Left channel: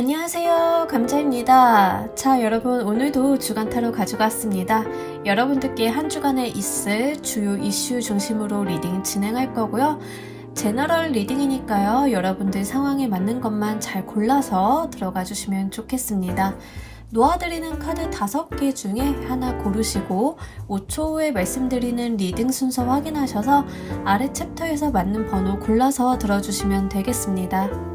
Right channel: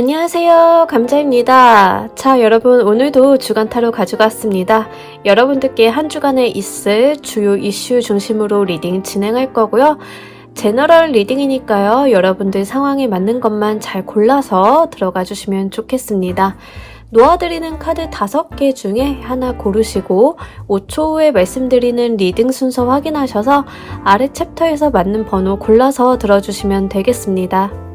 안녕하세요, 감자입니다. 자, 여러분, 오늘도 주간 타로 가지고 왔습니다. 여러분들께 한 주간에 있을 주요 이슈 중심으로 리딩 진행할 거고요. 제너럴 리딩이니까요, 여러분들 상황에 맞는 것만 잘 골라서 들어가 주시면 좋겠습니다. 놓아드리는 카드 5개 중에 하나 고르시고 5초 후에 말씀드리는 리딩 순서 확인하셔서 아래 챕터에서 맞는 번호 골라서 들어주시면 되겠습니다.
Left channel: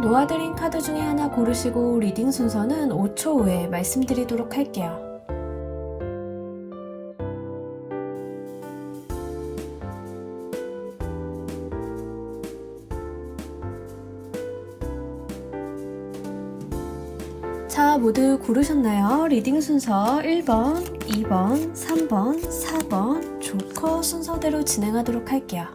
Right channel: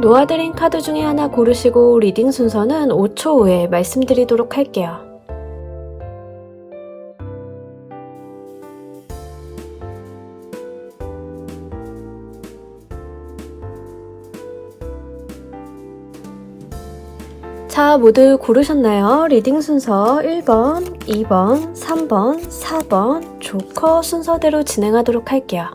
놓아드린 카드 중에 하나 고르시고 리딩 순서는 5초 후에 말씀드리도록 할게요. 자, 모두 고르셨나요? 리딩 순서 1번, 2번, 3번, 4번 조커 순서대로 진행하도록 할게요.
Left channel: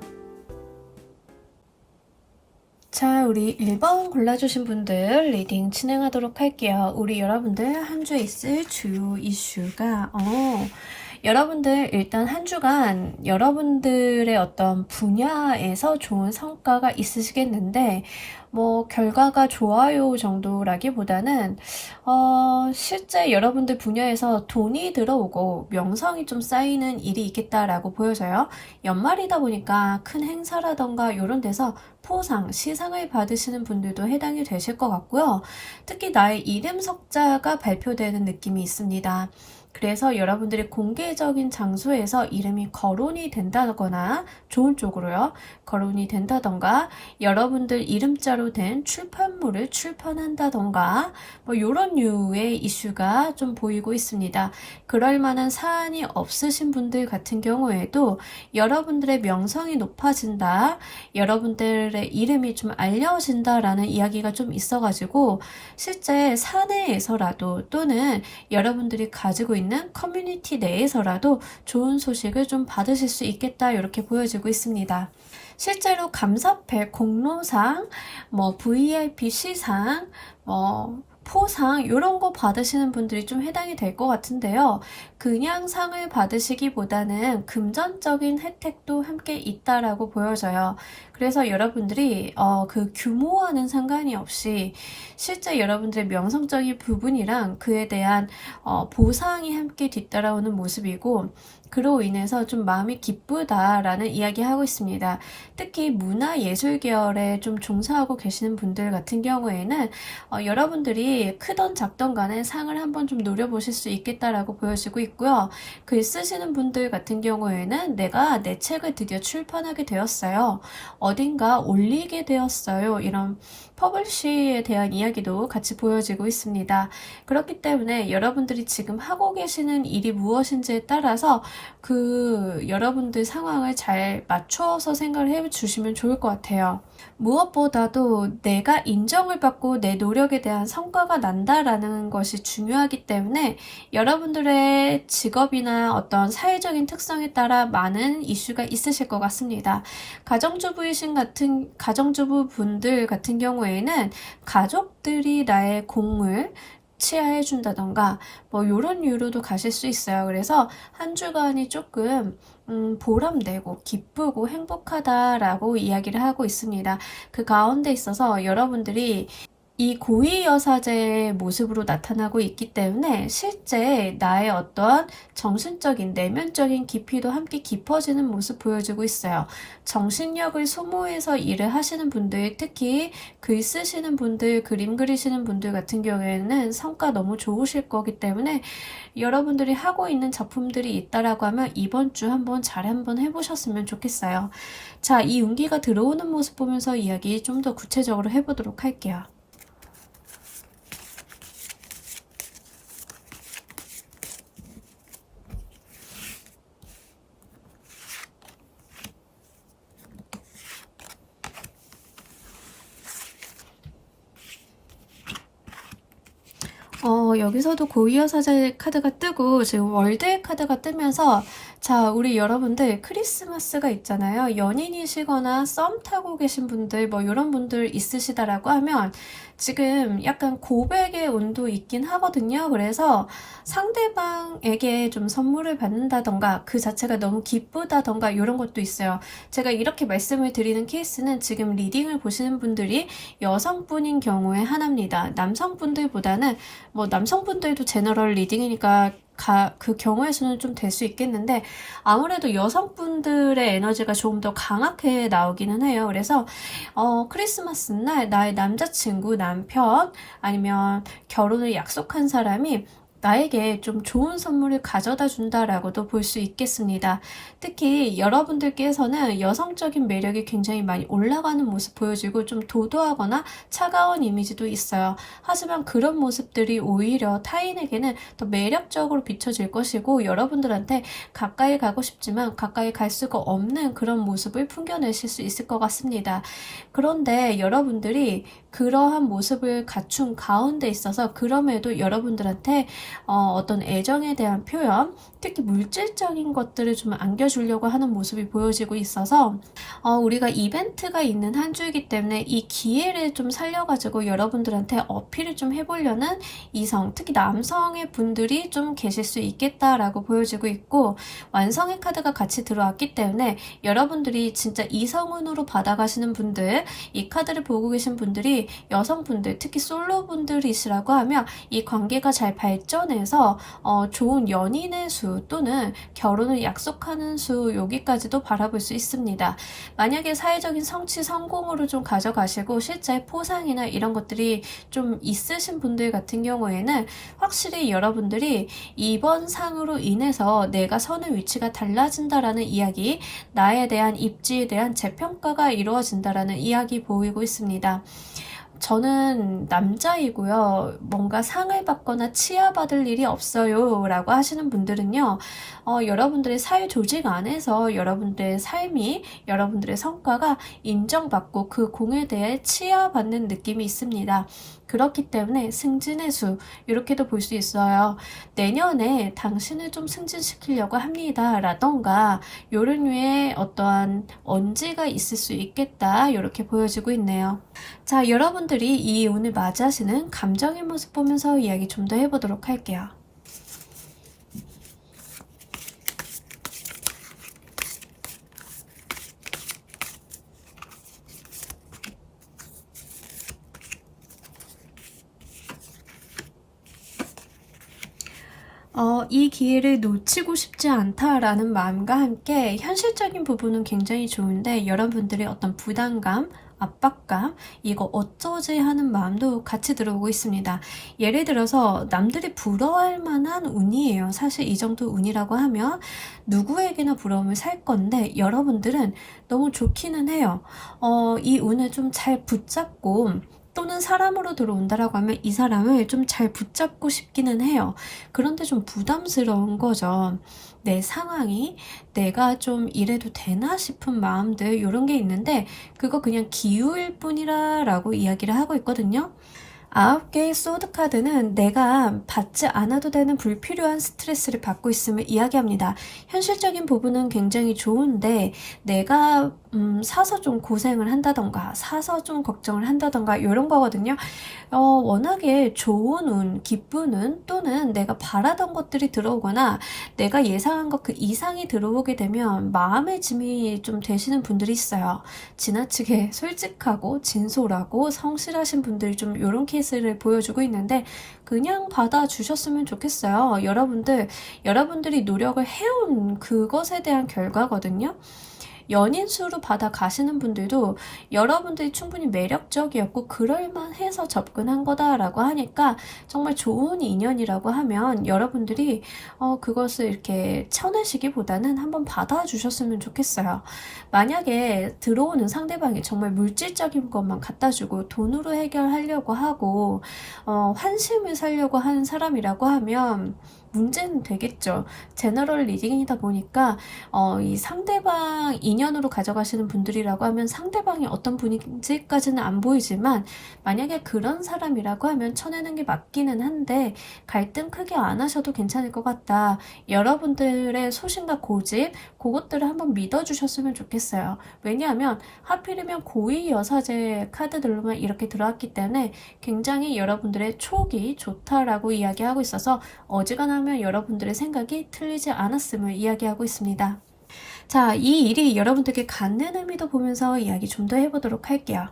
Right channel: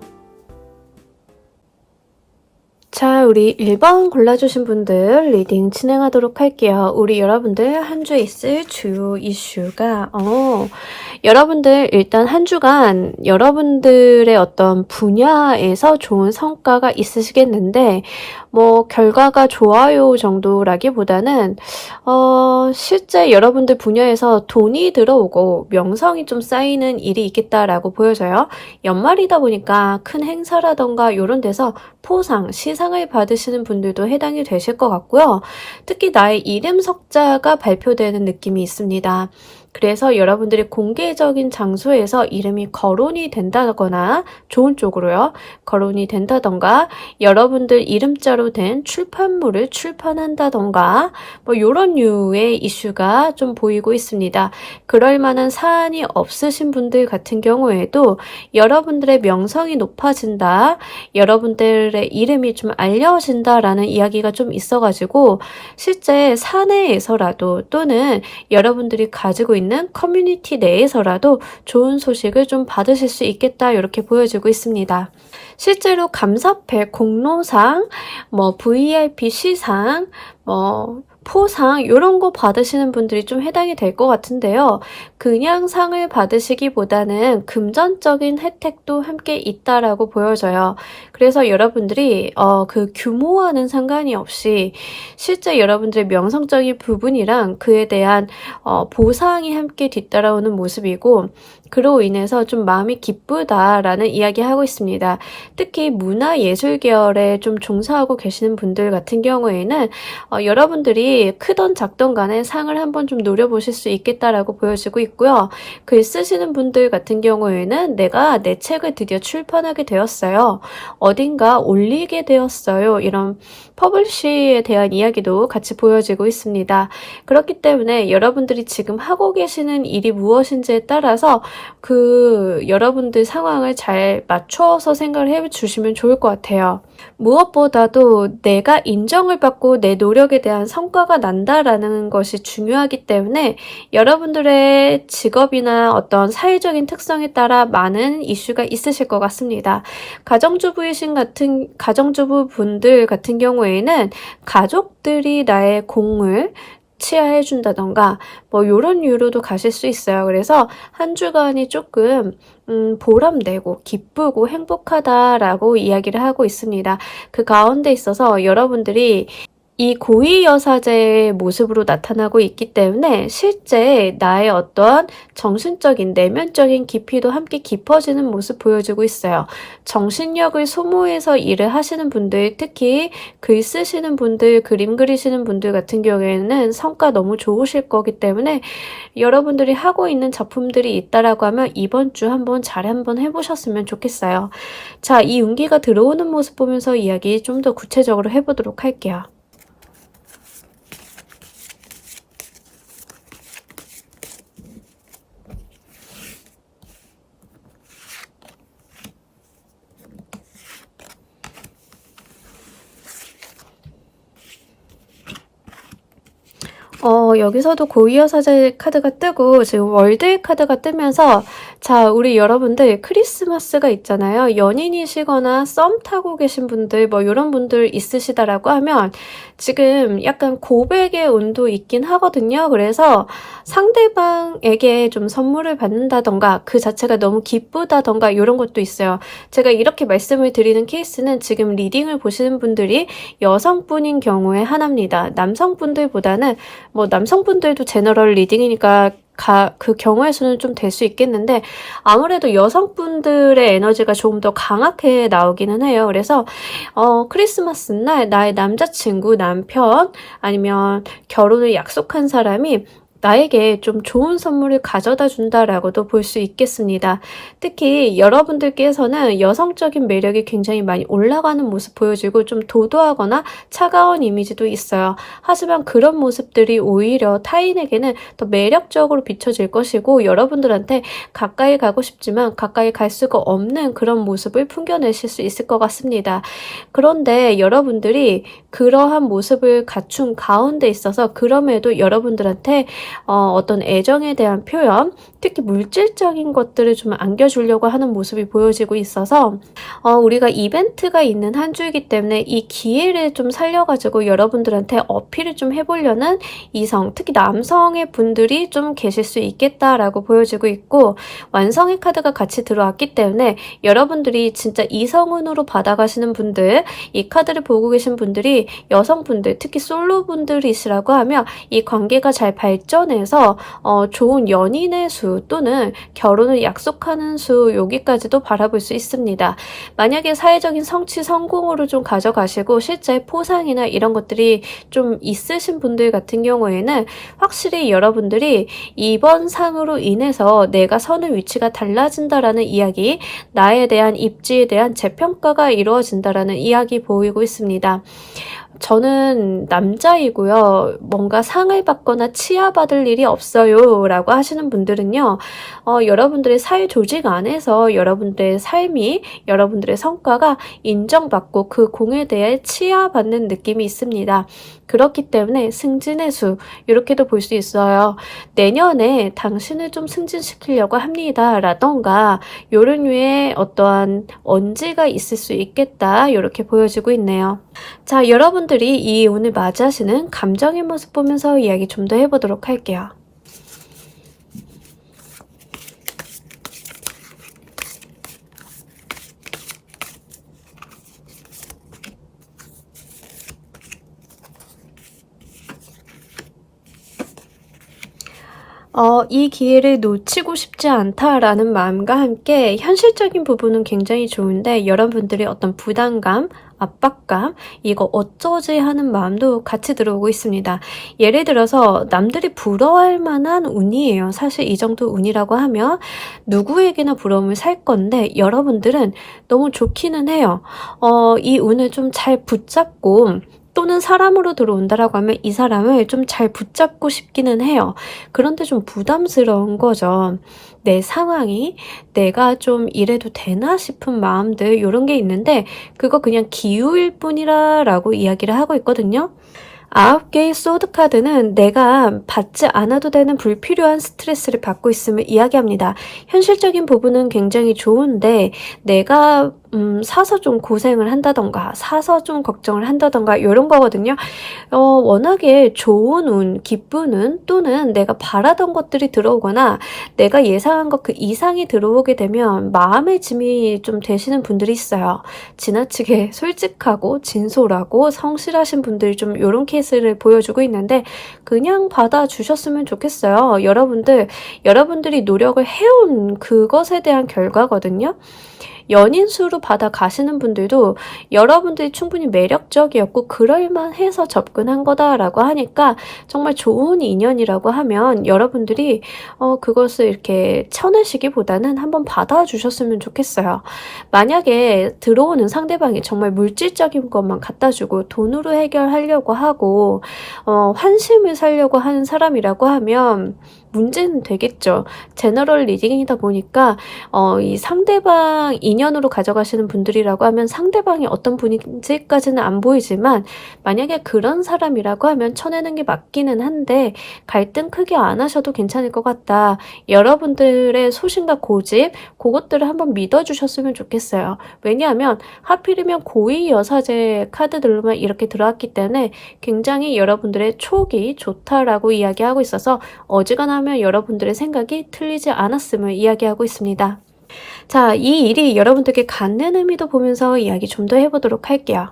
자, 우리 1번 골라주신 분들 리딩 진행하도록 할게요. 우리 여러분들 한 주에 있을 주요 이슈가 여러분들 일단 한 주간 여러분들의 어떤 분야에서 좋은 성과가 있으시겠는데 결과가 좋아요 정도라기보다는 실제 여러분들 분야에서 돈이 들어오고 명성이 좀 쌓이는 일이 있겠다라고 보여져요. 연말이다 보니까 큰 행사라던가 이런 데서 포상, 시상을 받으시는 분들도 해당이 되실 것 같고요. 특히 나의 이름 석자가 발표되는 느낌이 있습니다. 그래서 여러분들이 공개적인 장소에서 이름이 거론이 된다거나 좋은 쪽으로요. 거론이 된다던가 여러분들 이름자로 된 출판물을 출판한다던가 이런 류의 이슈가 좀 보이고 있습니다. 그럴 만한 사안이 없으신 분들 같은 경우에도 여러분들의 명성이 높아진다. 여러분들의 이름이 좀 알려진다라는 이야기가 좀 있어가지고 실제 사내에서라도 또는 여러분들이 가지고 있는 커뮤니티 내에서라도 좋은 소식을 좀 받으실 수 있겠다 이렇게 보여지고 있습니다. 실제로 감사패, 공로상, VIP 시상, 포상 이런 거 받으시는 분들이 좀 해당이 될 것 같은데요. 그냥 상을 받으시기보다는 금전적인 혜택도 함께 있다라고 보여져요. 그래서 여러분들이 그 규모와는 상관이 없이 실제 여러분들의 명성적인 부분이랑 그에 대한 보상이 함께 뒤따라오는 모습이고 그로 인해서 좀 마음이 기쁘다라는 이야기하고 있습니다. 특히 문화예술 계열에 좀 종사하고 계시는 분들 같은 경우에는 여러분들이 크던 작던 간에 상을 한번 좀 노려보실 수 있겠다라고 보여지고 있고요. 글 쓰시는 분들 같은 경우에는 내가 내 책을 드디어 출판하게 되었어요. 어딘가 올리게 되었어요. 이런 퍼블리시에 대한 이야기도 같이 보여지고 있습니다. 그렇기 때문에 여러분들이 지금 하고 계시는 일이 무엇인지에 따라서 여러분들 상황을 잘 맞춰서 생각을 해주시면 좋을 것 같아요. 무엇보다도 내가 인정을 받고 내 노력에 대한 성과가 난다라는 것이 중요하기 때문에 여러분들의 직업이나 어떤 사회적인 특성에 따라 많은 이슈가 있으실 것 같습니다. 가정주부분들 같은 경우에는 가족들이 나의 공을 치하해준다던가 이런 이유로도 가실 수 있어요. 그래서 한 주간이 조금 보람되고 기쁘고 행복하다라고 이야기를 하고 있습니다. 그 가운데 있어서 여러분들이 이 고위여사제의 모습으로 나타나고 있기 때문에 실제 나의 어떠한 정신적인 내면적인 깊이도 함께 깊어지는 모습 보여주고 있어요. 정신력을 소모해서 일을 하시는 분들, 특히 글 쓰시는 분들, 그림 그리시는 분들 같은 경우에는 성과 너무 좋으실 거기 때문에 여러분들이 하고 있는 작품들이 있다라고 하면 이번 주 한번 잘 한번 해보셨으면 좋겠어요. 자, 이 운기가 들어오는 모습 보면서 이야기 좀 더 구체적으로 해보도록 할게요. 여기서도 고위여사제 카드가 뜨고 지금 월드 카드가 뜨면서 자, 우리 여러분들 크리스마스가 있잖아요. 연인이시거나 썸 타고 계신 분들 뭐 이런 분들 있으시다라고 하면 지금 약간 고백의 운도 있긴 하거든요. 그래서 상대방에게 좀 선물을 받는다던가 그 자체가 너무 기쁘다던가 이런 것도 있어요. 제가 이렇게 말씀을 드리는 케이스는 지금 리딩을 보시는 분들이 여성분인 경우에 하나입니다. 남성분들보다는 뭐 남성분들도 제너럴 리딩이니까 그 경우의 수는 좀 될 수 있겠는데 아무래도 여성분들의 에너지가 조금 더 강하게 나오기는 해요. 그래서 크리스마스 날 나의 남자친구, 남편 아니면 결혼을 약속한 사람이 나에게 좀 좋은 선물을 가져다 준다라고도 볼 수 있겠습니다. 특히 여러분들께서는 여성적인 매력이 굉장히 많이 올라가는 모습 보여지고 좀 도도하거나 차가운 이미지도 있어요. 하지만 그런 모습들이 오히려 타인에게는 더 매력적으로 비춰질 것이고 여러분들한테 가까이 가고 싶지만 가까이 갈 수가 없는 그런 모습을 풍겨내실 수 있을 것 같습니다. 그런데 여러분들이 그러한 모습을 갖춘 가운데 있어서 그럼에도 여러분들한테 어떤 애정에 대한 표현, 특히 물질적인 것들을 좀 안겨주려고 하는 모습이 보여지고 있어서 우리가 이벤트가 있는 한 주이기 때문에 이 기회를 좀 살려가지고 여러분들한테 어필을 좀 해보려는 이성, 특히 남성의 분들이 좀 계실 수 있겠다라고 보여지고 있고 완성의 카드가 같이 들어왔기 때문에 여러분들이 진짜 이성운으로 받아가시는 분들, 이 카드를 보고 계신 분들이 여성분들, 특히 솔로분들이시라고 하면 이 관계가 잘 발전해서 좋은 연인의 수 또는 결혼을 약속하는 수 여기까지도 바라볼 수 있습니다. 만약에 사회적인 성취 성공으로 좀 가져가시고 실제 포상이나 이런 것들이 좀 있으신 분들 같은 경우에는 확실히 여러분들이 이번 상으로 인해서 내가 서는 위치가 달라진다라는 이야기, 나에 대한 입지에 대한 재평가가 이루어진다라는 이야기 보이고 있습니다. 저는 남자이고요. 뭔가 상을 받거나 치하받을 일이 없어요 라고 하시는 분들은요. 여러분들의 사회 조직 안에서 여러분들의 삶이 여러분들의 성과가 인정받고 그 공에 대해 치하받는 느낌이 있습니다. 그렇기 때문에 승진의 수 이렇게도 볼 수 있어요. 내년에 당신을 좀 승진시키려고 합니다 라던가 요런 류의 어떠한 언지가 있을 수 있겠다 이렇게 보여지고 있네요. 자, 여러분들이 이 오늘 맞이하시는 감정의 모습 보면서 이야기 좀 더 해보도록 할게요. 이 기회를 놓치고 싶지 않다라는 마음과 함께 현실적인 부분은 굉장히 좋은데 여러분들이 어떤 부담감, 압박감, 이거 어쩌지 하는 마음도 같이 들어오고 있습니다. 예를 들어서 남들이 부러워할 만한 운이에요. 사실 이 정도 운이라고 하면 누구에게나 부러움을 살 건데 여러분들은 너무 좋기는 해요. 이 운을 좀 잘 붙잡고 또는 사람으로 들어온다라고 하면 이 사람을 좀 잘 붙잡고 싶기는 해요. 그런데 좀 부담스러운 거죠. 내 상황이 내가 좀 이래도 되나 싶은 마음들 이런 게 있는데 그거 그냥 기우일 뿐이라 라고 이야기를 하고 있거든요. 9개의 소드 카드는 내가 받지 않아도 되는 불필요한 스트레스를 받고 있음을 이야기합니다. 현실적인 부분은 굉장히 좋은데 내가 사서 좀 고생을 한다던가 사서 좀 걱정을 한다던가 이런 거거든요. 워낙에 좋은 운, 기쁜 운 또는 내가 바라던 것들이 들어오거나 내가 예상한 것 그 이상이 들어오게 되면 마음의 짐이 좀 되시는 분들이 있어요. 지나치게 솔직하고 진솔하고 성실하신 분들이 좀 이런 케이스를 보여주고 있는데 그냥 받아주셨으면 좋겠어요. 여러분들이 노력을 해온 그것에 대한 결과거든요. 연인 수로 받아 가시는 분들도 여러분들이 충분히 매력적이었고 그럴만해서 접근한 거다라고 하니까 정말 좋은 인연이라고 하면 여러분들이 그것을 이렇게 쳐내시기보다는 한번 받아주셨으면 좋겠어요. 만약에 들어오는 상대방이 정말 물질적인 것만 갖다 주고 돈으로 해결하려고 하고 환심을 사려고 하는 사람이라고 하면 문제는 되겠죠. 제너럴 리딩이다 보니까 이 상대방 인연으로 가져가시는 분들이라고 하면 상대방이 어떤 분인지까지는 안 보이지만 만약에 그런 사람이라고 하면 쳐내는 게 맞기는 한데 갈등 크게 안 하셔도 괜찮을 것 같다. 여러분들의 소신과 고집 그것들을 한번 믿어주셨으면 좋겠어요. 왜냐하면 하필이면 고위 여사제 카드들로만 이렇게 들어왔기 때문에 굉장히 여러분들의 촉이 좋다라고 이야기하고 있어서 어지간하면 여러분들의 생각이 틀리지 않았음을 이야기하고 있습니다. 자, 이 일이 여러분들께 갖는 의미도 보면서 이야기 좀 더 해보도록 할게요.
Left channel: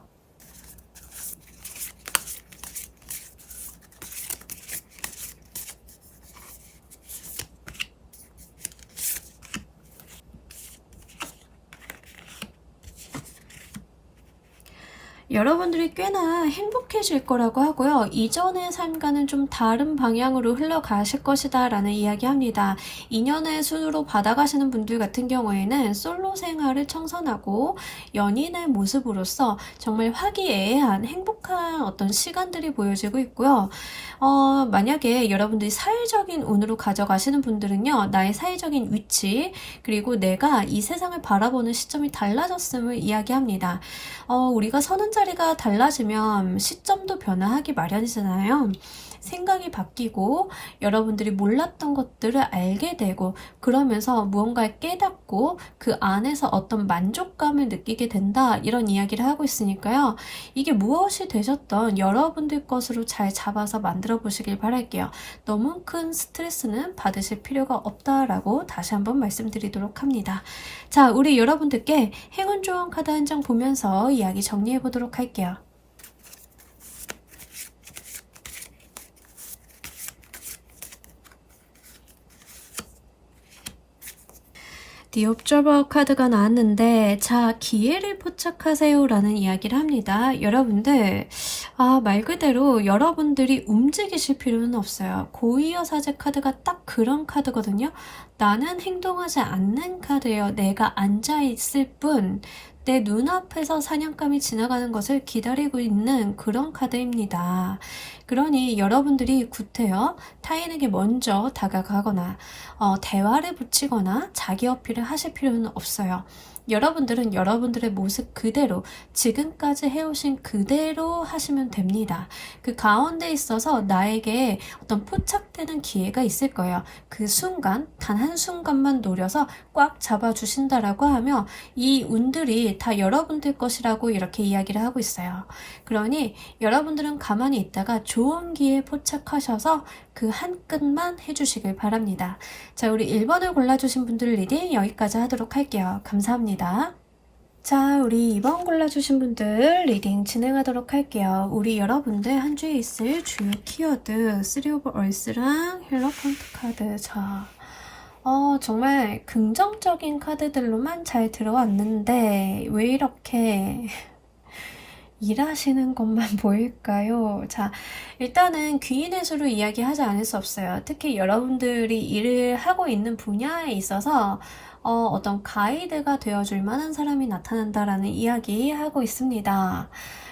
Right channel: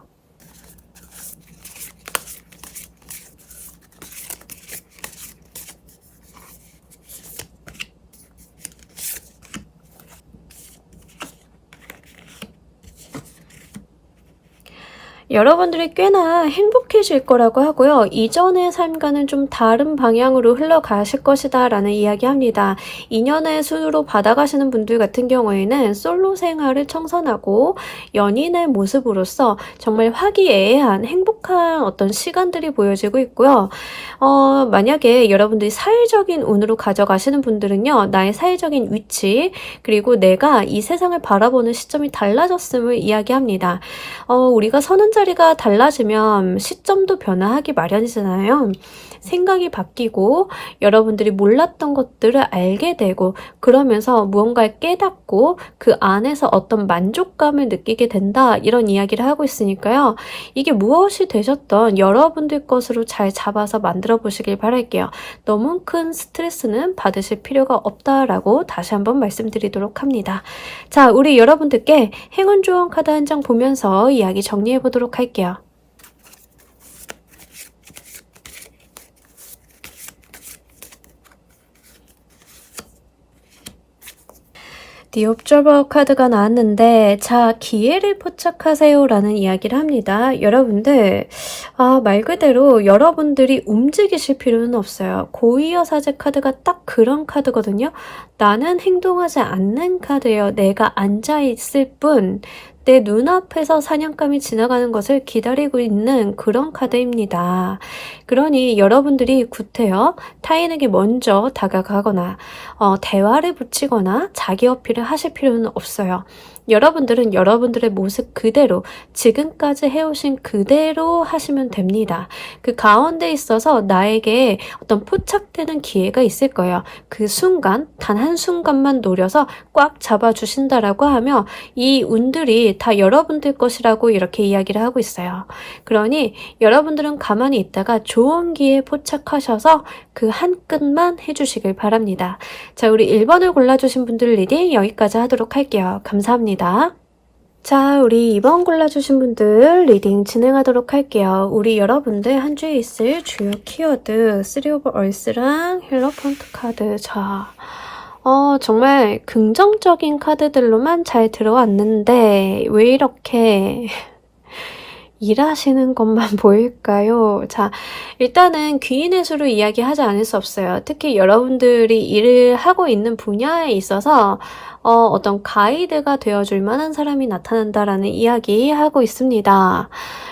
여러분들이 꽤나 행복해질 거라고 하고요. 이전의 삶과는 좀 다른 방향으로 흘러가실 것이다 라는 이야기합니다. 인연의 수로 받아가시는 분들 같은 경우에는 솔로 생활을 청산하고 연인의 모습으로서 정말 화기애애한 행복한 어떤 시간들이 보여지고 있고요. 만약에 여러분들이 사회적인 운으로 가져가시는 분들은요. 나의 사회적인 위치 그리고 내가 이 세상을 바라보는 시점이 달라졌음을 이야기합니다. 우리가 서는 자리가 달라지면 시점도 변화하기 마련이잖아요. 생각이 바뀌고 여러분들이 몰랐던 것들을 알게 되고 그러면서 무언가를 깨닫고 그 안에서 어떤 만족감을 느끼게 된다 이런 이야기를 하고 있으니까요. 이게 무엇이 되셨던 여러분들 것으로 잘 잡아서 만들어 보시길 바랄게요. 너무 큰 스트레스는 받으실 필요가 없다라고 다시 한번 말씀드리도록 합니다. 자, 우리 여러분들께 행운 조언 카드 한 장 보면서 이야기 정리해 보도록 할게요. The Observer 카드가 나왔는데 자, 기회를 포착하세요 라는 이야기를 합니다. 여러분들 말 그대로 여러분들이 움직이실 필요는 없어요. 고위여사제 카드가 딱 그런 카드거든요. 나는 행동하지 않는 카드예요. 내가 앉아있을 뿐 내 눈앞에서 사냥감이 지나가는 것을 기다리고 있는 그런 카드입니다. 그러니 여러분들이 구태여 타인에게 먼저 다가가거나 대화를 붙이거나 자기 어필을 하실 필요는 없어요. 여러분들은 여러분들의 모습 그대로 지금까지 해오신 그대로 하시면 됩니다. 그 가운데 있어서 나에게 어떤 포착되는 기회가 있을 거예요. 그 순간 단 한순간만 노려서 꽉 잡아주신다라고 하며 이 운들이 다 여러분들 것이라고 이렇게 이야기를 하고 있어요. 그러니 여러분들은 가만히 있다가 좋은 기회에 포착하셔서 그 한 끈만 해주시길 바랍니다. 자, 우리 1번을 골라주신 분들 리딩 여기까지 하도록 할게요. 감사합니다. 자, 우리 2번 골라주신 분들 리딩 진행하도록 할게요. 우리 여러분들 한 주에 있을 주요 키워드 3 오브 얼스랑 힐러폰트 카드. 자, 정말 긍정적인 카드들로만 잘 들어왔는데 왜 이렇게 일하시는 것만 보일까요? 자, 일단은 귀인의 수로 이야기하지 않을 수 없어요. 특히 여러분들이 일을 하고 있는 분야에 있어서 어떤 가이드가 되어줄 만한 사람이 나타난다라는 이야기 하고 있습니다.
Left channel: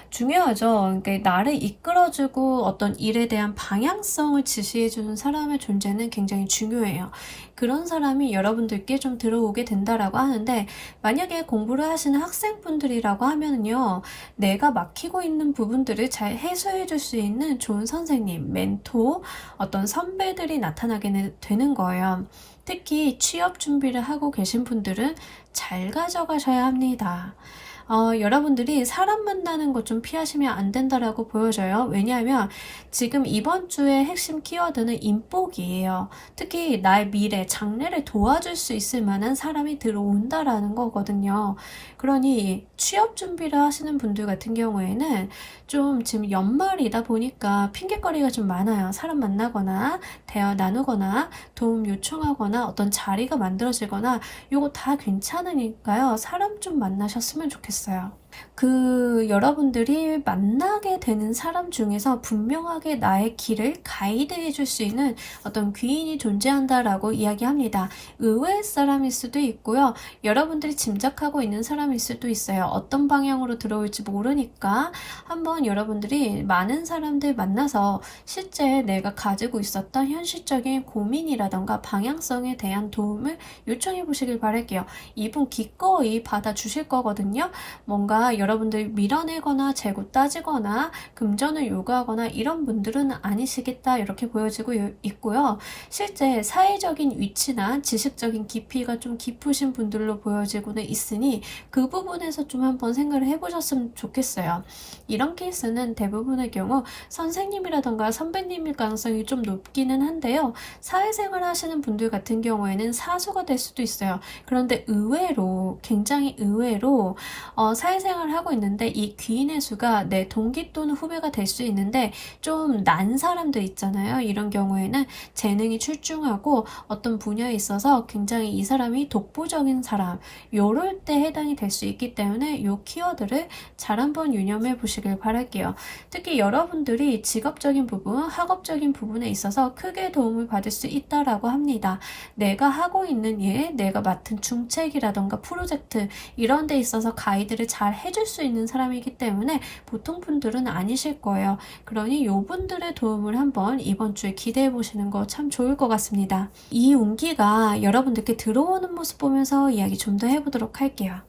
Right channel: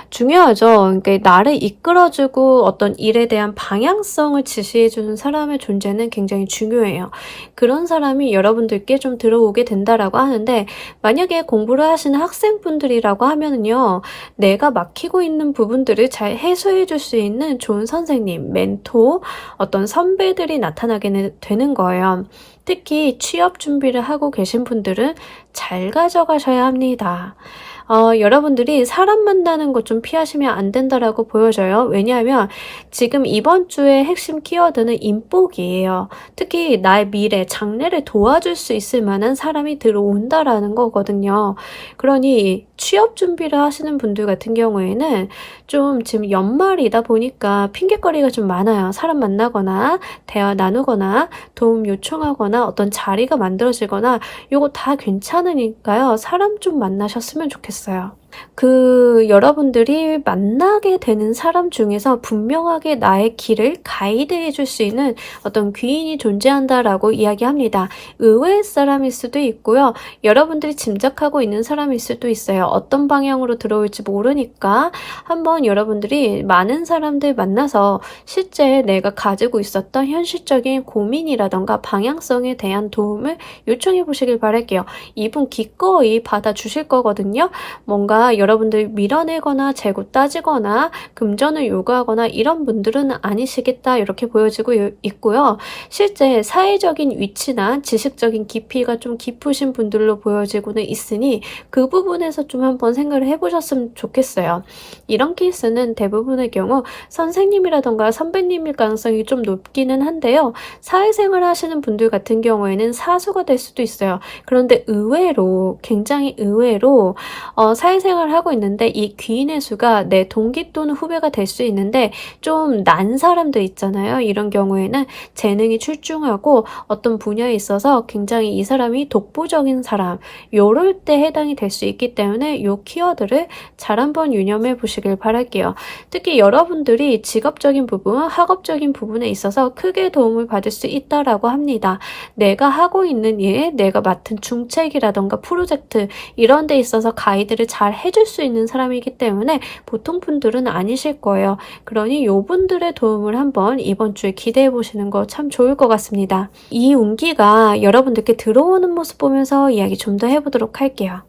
중요하죠. 그러니까 나를 이끌어주고 어떤 일에 대한 방향성을 지시해주는 사람의 존재는 굉장히 중요해요. 그런 사람이 여러분들께 좀 들어오게 된다라고 하는데 만약에 공부를 하시는 학생분들이라고 하면은요. 내가 막히고 있는 부분들을 잘 해소해줄 수 있는 좋은 선생님, 멘토, 어떤 선배들이 나타나게 되는 거예요. 특히 취업 준비를 하고 계신 분들은 잘 가져가셔야 합니다. 여러분들이 사람 만나는 것 좀 피하시면 안 된다라고 보여져요. 왜냐하면 지금 이번 주의 핵심 키워드는 인복이에요. 특히 나의 미래, 장래를 도와줄 수 있을 만한 사람이 들어온다라는 거거든요. 그러니 취업 준비를 하시는 분들 같은 경우에는 좀 지금 연말이다 보니까 핑곗거리가 좀 많아요. 사람 만나거나 대화 나누거나 도움 요청하거나 어떤 자리가 만들어지거나 요거 다 괜찮으니까요. 사람 좀 만나셨으면 좋겠어요. 여러분들이 만나게 되는 사람 중에서 분명하게 나의 길을 가이드해 줄 수 있는 어떤 귀인이 존재한다라고 이야기합니다. 의외의 사람일 수도 있고요. 여러분들이 짐작하고 있는 사람일 수도 있어요. 어떤 방향으로 들어올지 모르니까 한번 여러분들이 많은 사람들 만나서 실제 내가 가지고 있었던 현실적인 고민이라던가 방향성에 대한 도움을 요청해 보시길 바랄게요. 이분 기꺼이 받아주실 거거든요. 뭔가 여러분들 밀어내거나 재고 따지거나 금전을 요구하거나 이런 분들은 아니시겠다 이렇게 보여지고 있고요. 실제 사회적인 위치나 지식적인 깊이가 좀 깊으신 분들로 보여지고는 있으니 그 부분에서 좀 한번 생각을 해보셨으면 좋겠어요. 이런 케이스는 대부분의 경우 선생님이라던가 선배님일 가능성이 좀 높기는 한데요. 사회생활 하시는 분들 같은 경우에는 사수가 될 수도 있어요. 그런데 의외로 굉장히 의외로 사회생활 하고 있는데 이 귀인의 수가 내 동기 또는 후배가 될 수 있는데 좀 난 사람들 있잖아요. 이런 경우에는 재능이 출중하고 어떤 분야에 있어서 굉장히 이 사람이 독보적인 사람 요럴 때 해당이 될 수 있기 때문에 요 키워드를 잘 한번 유념해 보시길 바랄게요. 특히 여러분들이 직업적인 부분, 학업적인 부분에 있어서 크게 도움을 받을 수 있다라고 합니다. 내가 하고 있는 일, 내가 맡은 중책이라던가 프로젝트 이런 데 있어서 가이드를 잘 해줄 수 있는 사람이기 때문에 보통 분들은 아니실 거예요. 그러니 요분들의 도움을 한번 이번 주에 기대해 보시는 거 참 좋을 것 같습니다. 이 운기가 여러분들께 들어오는 모습 보면서 이야기 좀 더 해보도록 할게요.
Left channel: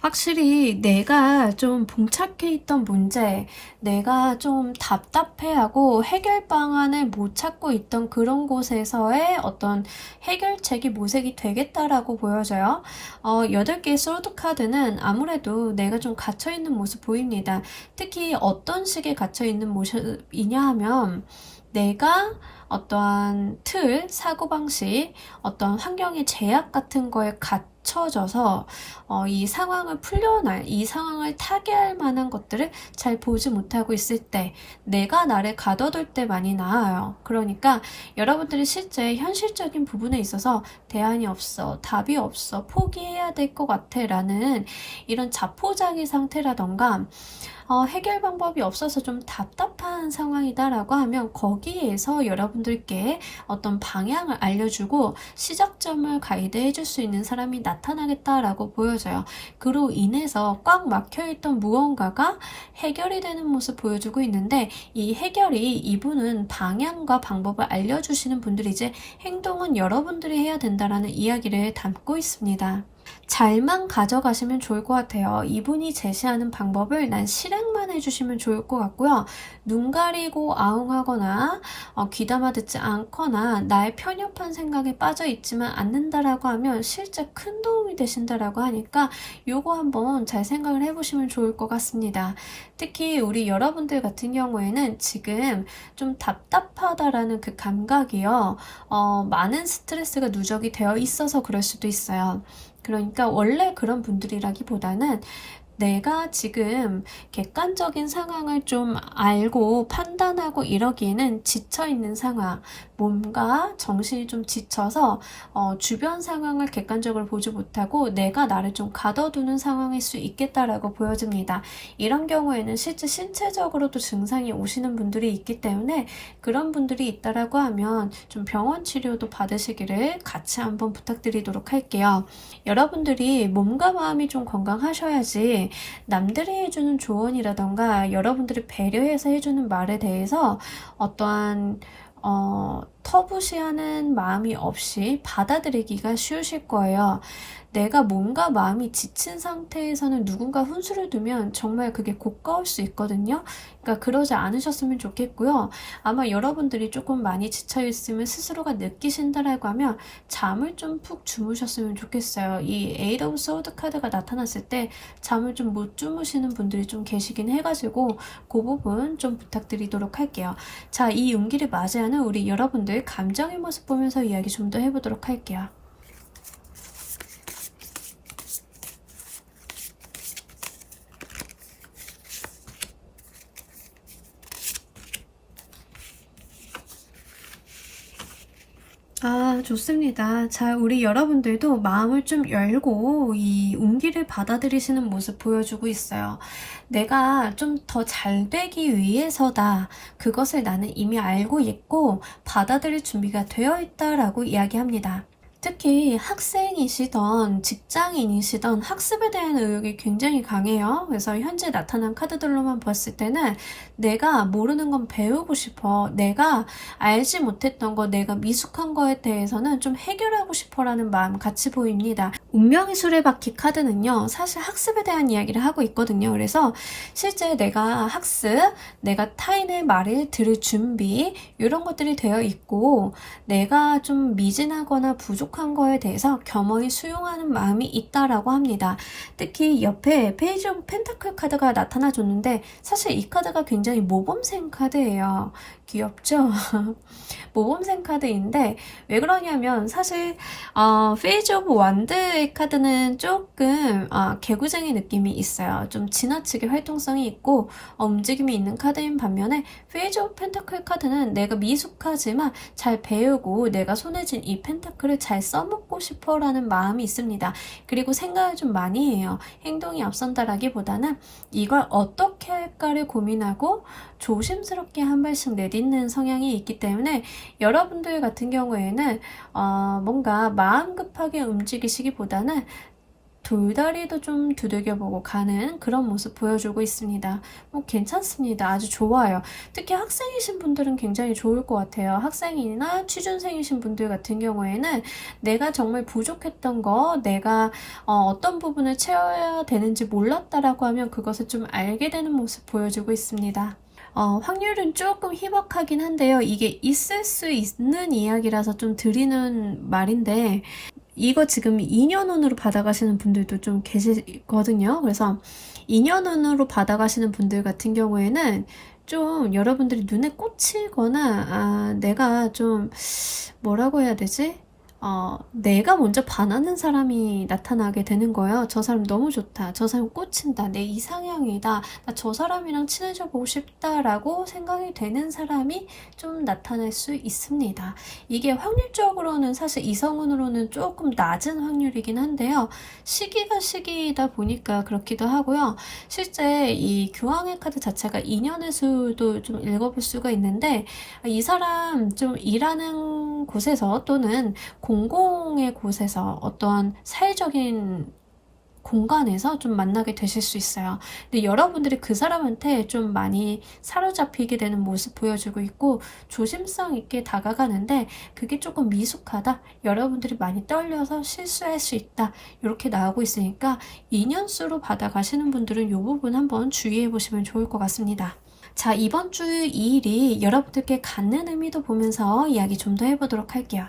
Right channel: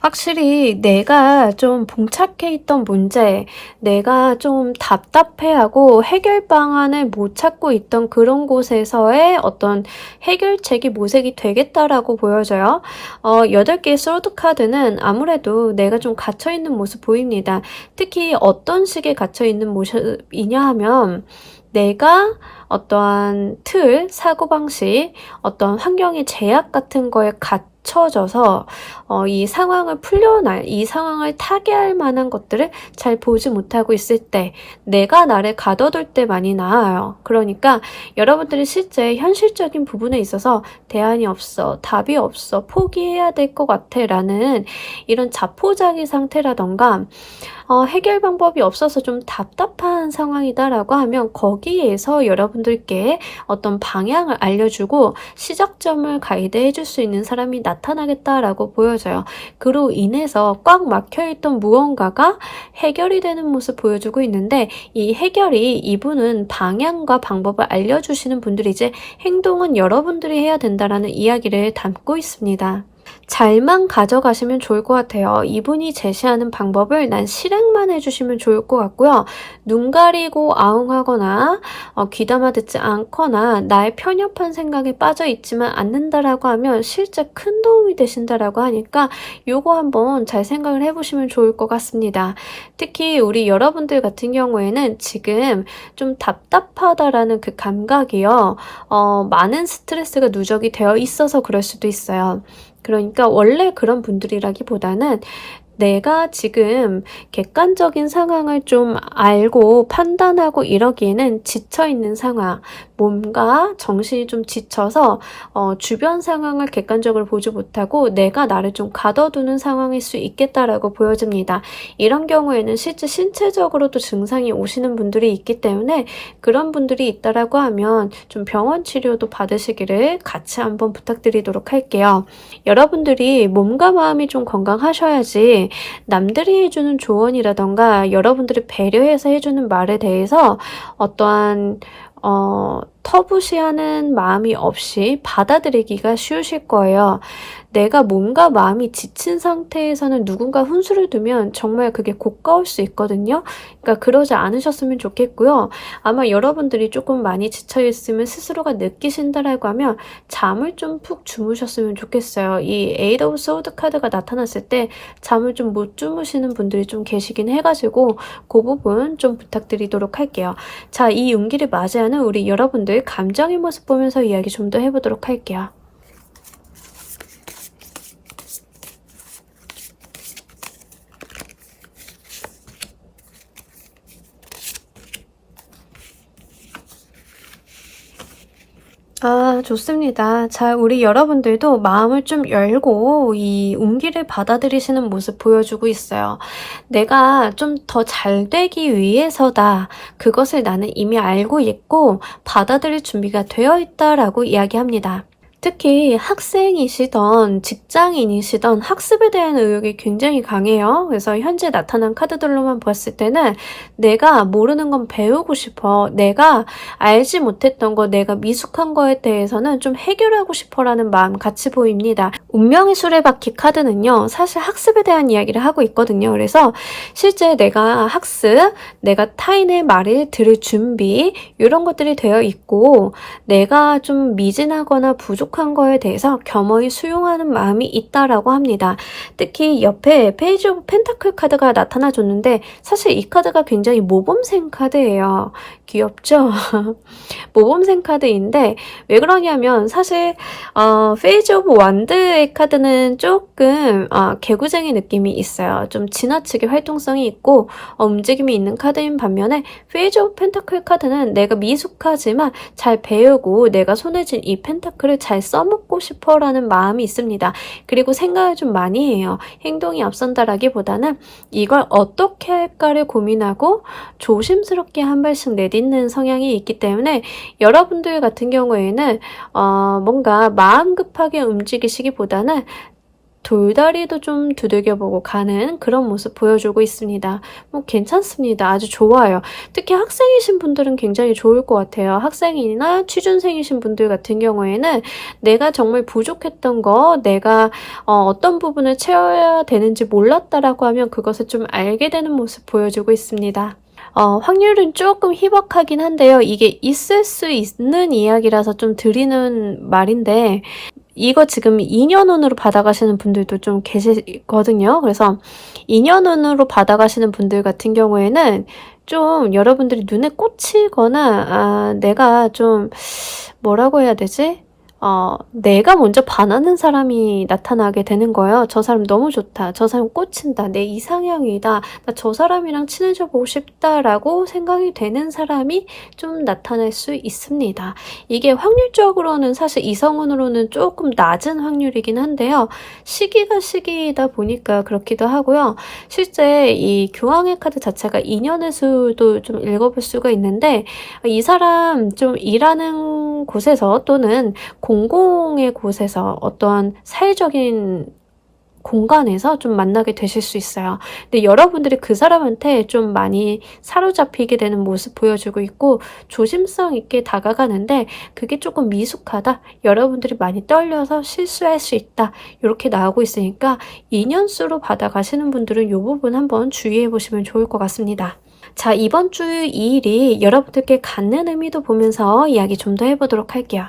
확실히 내가 좀 봉착해 있던 문제, 내가 좀 답답해하고 해결 방안을 못 찾고 있던 그런 곳에서의 어떤 해결책이 모색이 되겠다라고 보여져요. 8개의 소드 카드는 아무래도 내가 좀 갇혀있는 모습 보입니다. 특히 어떤 식의 갇혀있는 모습이냐 하면 내가 어떠한 틀, 사고방식, 어떤 환경의 제약 같은 거에 갇혀져서 이 상황을 풀려날, 이 상황을 타개할 만한 것들을 잘 보지 못하고 있을 때 내가 나를 가둬둘 때 많이 나아요. 그러니까 여러분들이 실제 현실적인 부분에 있어서 대안이 없어, 답이 없어, 포기해야 될 것 같아 라는 이런 자포자기 상태라던가 해결 방법이 없어서 좀 답답한 상황이다라고 하면 거기에서 여러분들께 어떤 방향을 알려주고 시작점을 가이드해 줄 수 있는 사람이 나타나겠다라고 보여져요. 그로 인해서 꽉 막혀있던 무언가가 해결이 되는 모습 보여주고 있는데 이 해결이 이분은 방향과 방법을 알려주시는 분들이지 행동은 여러분들이 해야 된다라는 이야기를 담고 있습니다. 잘만 가져가시면 좋을 것 같아요. 이분이 제시하는 방법을 난 실행만 해주시면 좋을 것 같고요. 눈 가리고 아웅하거나 귀담아 듣지 않거나 나의 편협한 생각에 빠져 있지만 않는다라고 하면 실제 큰 도움이 되신다라고 하니까 요거 한번 잘 생각을 해보시면 좋을 것 같습니다. 특히 우리 여러분들 같은 경우에는 지금 좀 답답하다라는 그 감각이요. 많은 스트레스가 누적이 되어 있어서 그럴 수도 있어요. 그러니까 원래 그런 분들이라기보다는 내가 지금 객관적인 상황을 좀 알고 판단하고 이러기에는 지쳐있는 상황, 몸과 정신이 좀 지쳐서 주변 상황을 객관적으로 보지 못하고 내가 나를 좀 가둬두는 상황일 수 있겠다라고 보여집니다. 이런 경우에는 실제 신체적으로도 증상이 오시는 분들이 있기 때문에 그런 분들이 있다라고 하면 좀 병원 치료도 받으시기를 같이 한번 부탁드리도록 할게요. 여러분들이 몸과 마음이 좀 건강하셔야지 남들이 해주는 조언이라던가 여러분들이 배려해서 해주는 말에 대해서 어떠한 터부시하는 마음이 없이 받아들이기가 쉬우실 거예요. 내가 몸과 마음이 지친 상태에서는 누군가 훈수를 두면 정말 그게 고가울 수 있거든요. 그러니까 그러지 않으셨으면 좋겠고요. 아마 여러분들이 조금 많이 지쳐있으면 스스로가 느끼신다라고 하면 잠을 좀 푹 주무셨으면 좋겠어요. 이 에이트 오브 소드 카드가 나타났을 때 잠을 좀 못 주무시는 분들이 좀 계시긴 해가지고 그 부분 좀 부탁드리도록 할게요. 자, 이 운기를 맞이하는 우리 여러분들 감정의 모습 보면서 이야기 좀 더 해보도록 할게요. 아, 좋습니다. 자, 우리 여러분들도 마음을 좀 열고 이 운기를 받아들이시는 모습 보여주고 있어요. 내가 좀 더 잘 되기 위해서다. 그것을 나는 이미 알고 있고 받아들일 준비가 되어 있다라고 이야기합니다. 특히 학생이시던 직장인이시던 학습에 대한 의욕이 굉장히 강해요. 그래서 현재 나타난 카드들로만 봤을 때는 내가 모르는 건 배우고 싶어. 내가 알지 못했던 거, 내가 미숙한 거에 대해서는 좀 해결하고 싶어라는 마음 같이 보입니다. 운명의 수레바퀴 카드는요. 사실 학습에 대한 이야기를 하고 있거든요. 그래서 실제 내가 학습, 내가 타인의 말을 들을 준비 이런 것들이 되어 있고 내가 좀 미진하거나 부족한 거에 대해서 겸허히 수용하는 마음이 있다라고 합니다. 특히 옆에 페이지 오브 펜타클 카드가 나타나줬는데 사실 이 카드가 굉장히 모범생 카드예요. 귀엽죠? 모범생 카드인데 왜 그러냐면 사실 페이지 오브 완드의 카드는 조금 개구쟁이 느낌이 있어요. 좀 지나치게 활동성이 있고 움직임이 있는 카드인 반면에 페이지 오브 펜타클 카드는 내가 미숙하지만 잘 배우고 내가 손에 쥔 이 펜타클을 잘 써먹고 싶어 라는 마음이 있습니다. 그리고 생각을 좀 많이 해요. 행동이 앞선다라기보다는 이걸 어떻게 할까를 고민하고 조심스럽게 한 발씩 내딛는 성향이 있기 때문에 여러분들 같은 경우에는 뭔가 마음 급하게 움직이시기보다는 돌다리도 좀 두들겨보고 가는 그런 모습 보여주고 있습니다. 뭐 괜찮습니다. 아주 좋아요. 특히 학생이신 분들은 굉장히 좋을 것 같아요. 학생이나 취준생이신 분들 같은 경우에는 내가 정말 부족했던 거, 내가 어떤 부분을 채워야 되는지 몰랐다라고 하면 그것을 좀 알게 되는 모습 보여주고 있습니다. 확률은 조금 희박하긴 한데요. 이게 있을 수 있는 이야기라서 좀 드리는 말인데 이거 지금 2년운으로 받아가시는 분들도 좀 계시거든요. 그래서 2년운으로 받아가시는 분들 같은 경우에는 좀 여러분들이 눈에 꽂히거나 내가 좀 뭐라고 해야 되지? 내가 먼저 반하는 사람이 나타나게 되는 거예요. 저 사람 너무 좋다. 저 사람 꽂힌다. 내 이상형이다. 나 저 사람이랑 친해져 보고 싶다라고 생각이 되는 사람이 좀 나타날 수 있습니다. 이게 확률적으로는 사실 이성운으로는 조금 낮은 확률이긴 한데요. 시기가 시기이다 보니까 그렇기도 하고요. 실제 이 교황의 카드 자체가 인연의 수도 좀 읽어볼 수가 있는데 이 사람 좀 일하는 곳에서 또는 공공의 곳에서 어떠한 사회적인 공간에서 좀 만나게 되실 수 있어요. 근데 여러분들이 그 사람한테 좀 많이 사로잡히게 되는 모습 보여주고 있고 조심성 있게 다가가는데 그게 조금 미숙하다. 여러분들이 많이 떨려서 실수할 수 있다. 이렇게 나오고 있으니까 인연수로 받아가시는 분들은 이 부분 한번 주의해 보시면 좋을 것 같습니다. 자, 이번 주 2일이 여러분들께 갖는 의미도 보면서 이야기 좀 더 해보도록 할게요.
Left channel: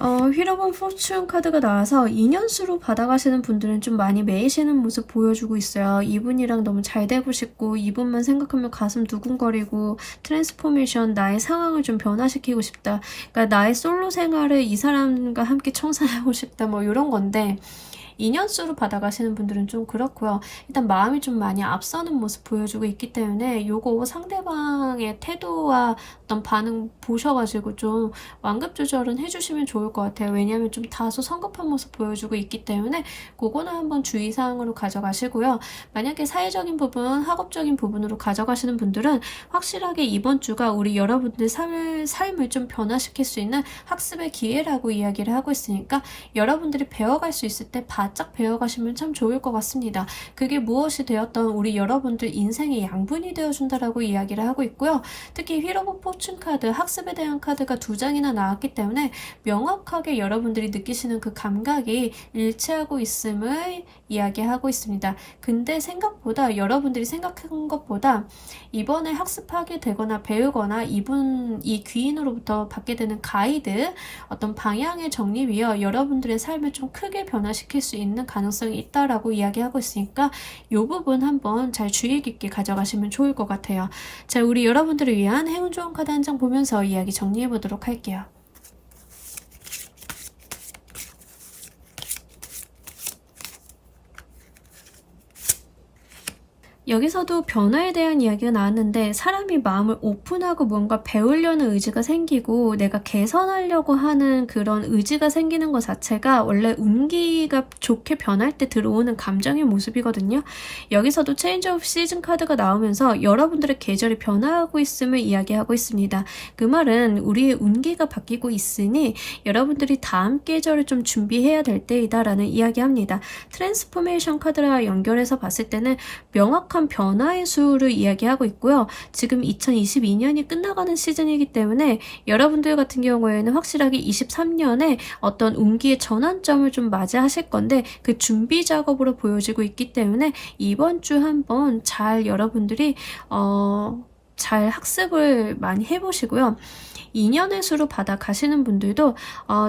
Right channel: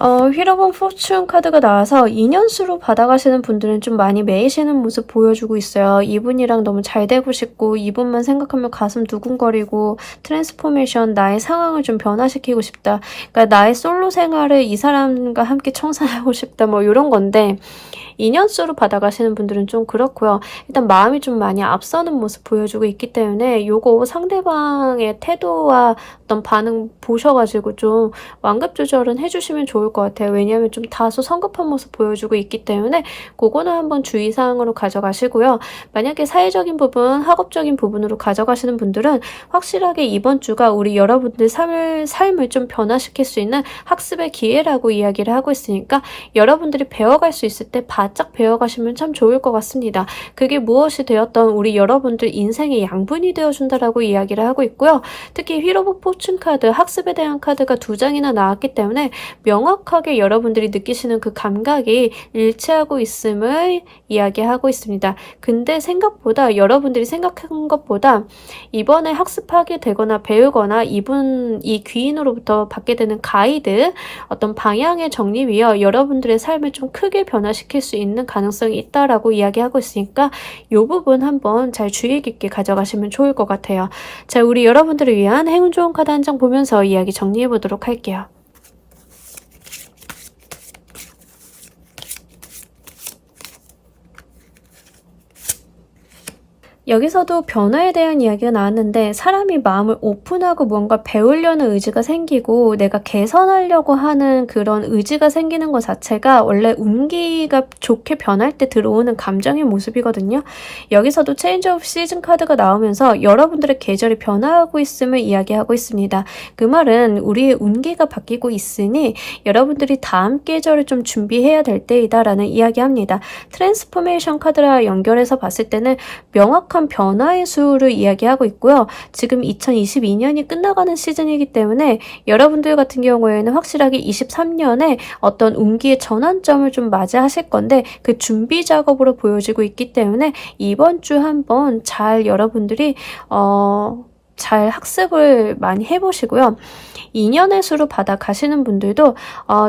휘러본 포춘 카드가 나와서 인연수로 받아가시는 분들은 좀 많이 매이시는 모습 보여주고 있어요. 이분이랑 너무 잘 되고 싶고 이분만 생각하면 가슴 두근거리고 트랜스포메이션 나의 상황을 좀 변화시키고 싶다. 그러니까 나의 솔로 생활을 이 사람과 함께 청산하고 싶다. 뭐 이런 건데 인연수로 받아가시는 분들은 좀 그렇고요. 일단 마음이 좀 많이 앞서는 모습 보여주고 있기 때문에 요거 상대방의 태도와 어떤 반응 보셔가지고 좀 완급 조절은 해주시면 좋을 것 같아요. 왜냐하면 좀 다소 성급한 모습 보여주고 있기 때문에 그거는 한번 주의사항으로 가져가시고요. 만약에 사회적인 부분, 학업적인 부분으로 가져가시는 분들은 확실하게 이번 주가 우리 여러분들 삶을 좀 변화시킬 수 있는 학습의 기회라고 이야기를 하고 있으니까 여러분들이 배워갈 수 있을 때 바짝 배워가시면 참 좋을 것 같습니다. 그게 무엇이 되었던 우리 여러분들 인생의 양분이 되어준다라고 이야기를 하고 있고요. 특히 휘로브 포춘 카드, 학습에 대한 카드가 2장이나 나왔기 때문에 명확하게 여러분들이 느끼시는 그 감각이 일치하고 있음을 이야기하고 있습니다. 근데 생각보다 여러분들이 생각한 것보다 이번에 학습하게 되거나 배우거나 이 귀인으로부터 받게 되는 가이드, 어떤 방향의 정립이요. 여러분들의 삶을 좀 크게 변화시킬 수 있는 가능성이 있다라고 이야기하고 있으니까 이 부분 한번 잘 주의 깊게 가져가시면 좋을 것 같아요. 자, 우리 여러분들을 위한 행운 좋은 카드 한 장 보면서 이야기 정리해 보도록 할게요. 여기서도 변화에 대한 이야기가 나왔는데 사람이 마음을 오픈하고 무언가 배우려는 의지가 생기고 내가 개선하려고 하는 그런 의지가 생기는 것 자체가 원래 운기가 좋게 변할 때 들어오는 감정의 모습이거든요. 여기서도 체인지 오브 시즌 카드가 나오면서 여러분들의 계절이 변화하고 있음을 이야기하고 있습니다. 그 말은 우리의 운기가 바뀌고 있으니 여러분들이 다음 계절을 좀 준비해야 될 때이다 라는 이야기합니다. 트랜스포메이션 카드라 연결해서 봤을 때는 명확한 변화의 수를 이야기하고 있고요. 지금 2022년이 끝나가는 시즌이기 때문에 여러분들 같은 경우에는 확실하게 23년에 어떤 운기의 전환점을 좀 맞이하실 건데 그 준비 작업으로 보여지고 있기 때문에 이번 주 한번 잘 여러분들이 잘 학습을 많이 해보시고요. 2년의 수로 받아 가시는 분들도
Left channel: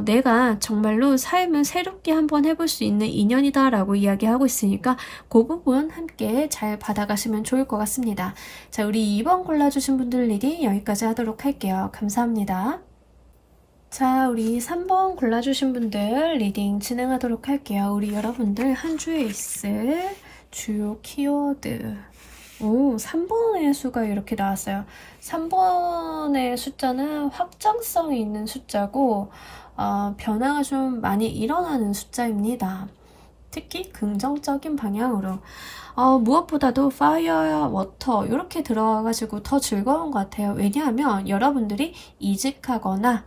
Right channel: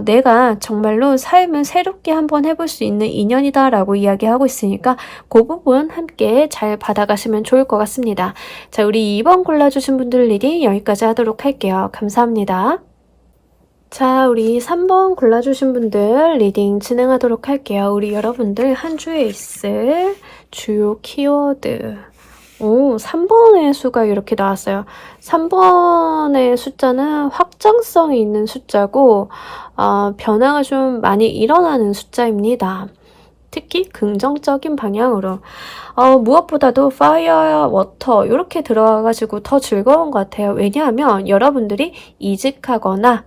내가 정말로 삶을 새롭게 한번 해볼 수 있는 2년이다 라고 이야기하고 있으니까 그 부분 함께 잘 받아가시면 좋을 것 같습니다. 자, 우리 2번 골라주신 분들 리딩 여기까지 하도록 할게요. 감사합니다. 자, 우리 3번 골라주신 분들 리딩 진행하도록 할게요. 우리 여러분들 한 주에 있을 주요 키워드. 3번의 수가 이렇게 나왔어요. 3번의 숫자는 확장성이 있는 숫자고 변화가 좀 많이 일어나는 숫자입니다. 특히 긍정적인 방향으로 무엇보다도 파이어, 워터 이렇게 들어가가지고 더 즐거운 것 같아요. 왜냐하면 여러분들이 이직하거나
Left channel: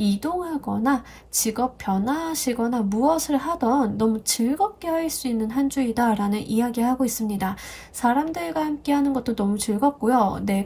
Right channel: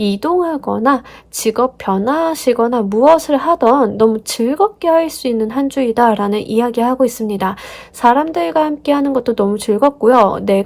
이동하거나 직업 변화하시거나 무엇을 하던 너무 즐겁게 할 수 있는 한 주이다 라는 이야기하고 있습니다. 사람들과 함께 하는 것도 너무 즐겁고요. 내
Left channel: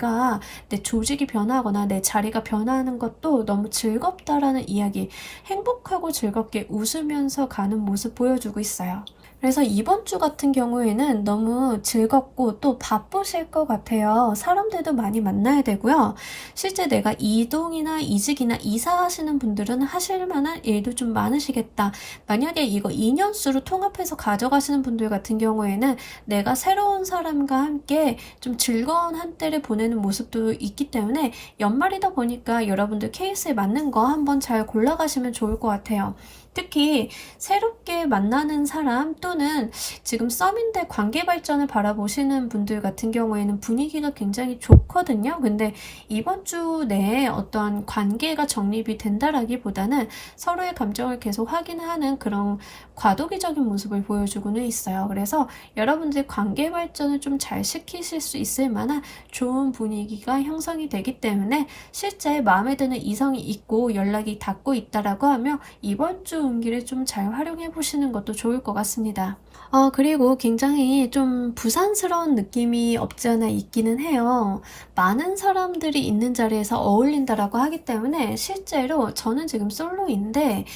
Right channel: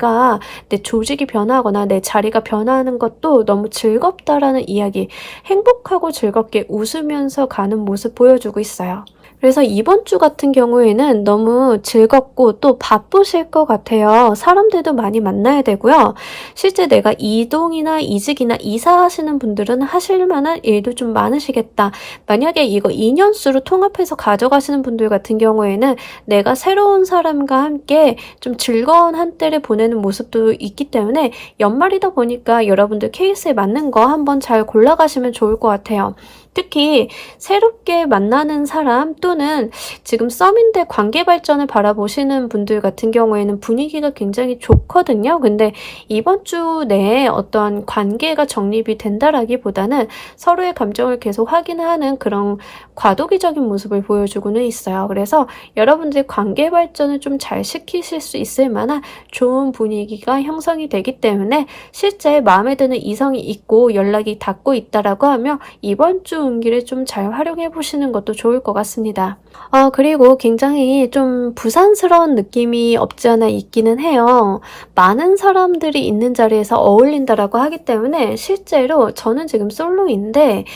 조직이 변화하거나 내 자리가 변화하는 것도 너무 즐겁다라는 이야기, 행복하고 즐겁게 웃으면서 가는 모습 보여주고 있어요. 그래서 이번 주 같은 경우에는 너무 즐겁고 또 바쁘실 것 같아요. 사람들도 많이 만나야 되고요. 실제 내가 이동이나 이직이나 이사하시는 분들은 하실 만한 일도 좀 많으시겠다. 만약에 이거 2년수로 통합해서 가져가시는 분들 같은 경우에는 내가 새로운 사람과 함께 좀 즐거운 한때를 보내는 모습도 있기 때문에 연말이다 보니까 여러분들 케이스에 맞는 거 한번 잘 골라가시면 좋을 것 같아요. 특히 새롭게 만나는 사람 또는 지금 썸인데 관계 발전을 바라보시는 분들 같은 경우에는 분위기가 굉장히 좋거든요. 근데 이번 주 내에 어떠한 관계가 정립이 된다라기보다는 서로의 감정을 계속 확인하는 그런 과도기적인 모습을 보여주고는 있어요. 그래서 여러분들이 관계 발전을 좀 잘 시키실 수 있을 만한 좋은 분위기가 형성이 되기 때문에 실제 마음에 드는 이성이 있고 연락이 닿고 있다라고 하면 이번 주 운기를 좀 잘 활용해 보시는 것도 좋을 것 같습니다. 있습니다. 그리고 굉장히 좀 부산스러운 느낌이 없지 않아 있기는 해요. 많은 사람들이 있는 자리에서 어울린다라고 하기 때문에 실제로 저는 지금 솔로인데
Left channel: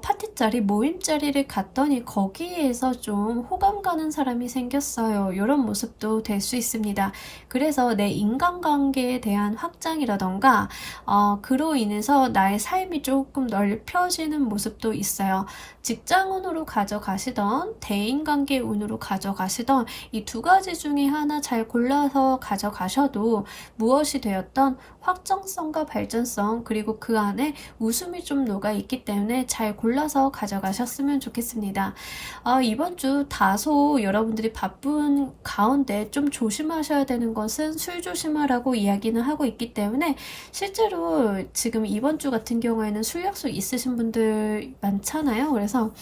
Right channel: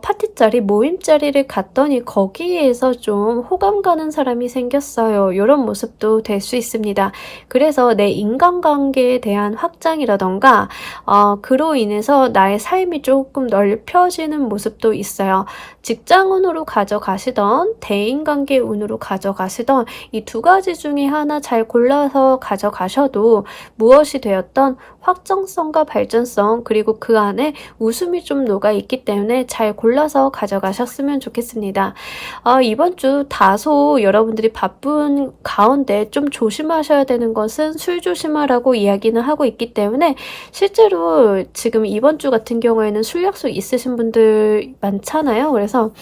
파티 자리, 모임 자리를 갔더니 거기에서 좀 호감 가는 사람이 생겼어요. 이런 모습도 될 수 있습니다. 그래서 내 인간관계에 대한 확장이라던가 그로 인해서 나의 삶이 조금 넓혀지는 모습도 있어요. 직장운으로 가져가시던 대인관계 운으로 가져가시던 이 두 가지 중에 하나 잘 골라서 가져가셔도 무엇이 되었던 확정성과 발전성 그리고 그 안에 웃음이 좀 녹아있기 때문에 잘 골라서 가져가셨으면 좋겠습니다. 이번 주 다소 여러분들이 바쁜 가운데 좀 조심하셔야 되는 것은 술 조심하라고 이야기는 하고 있기 때문에 실제로 지금 이번 주 같은 경우에는 술 약속 있으신 분들 많잖아요. 그래서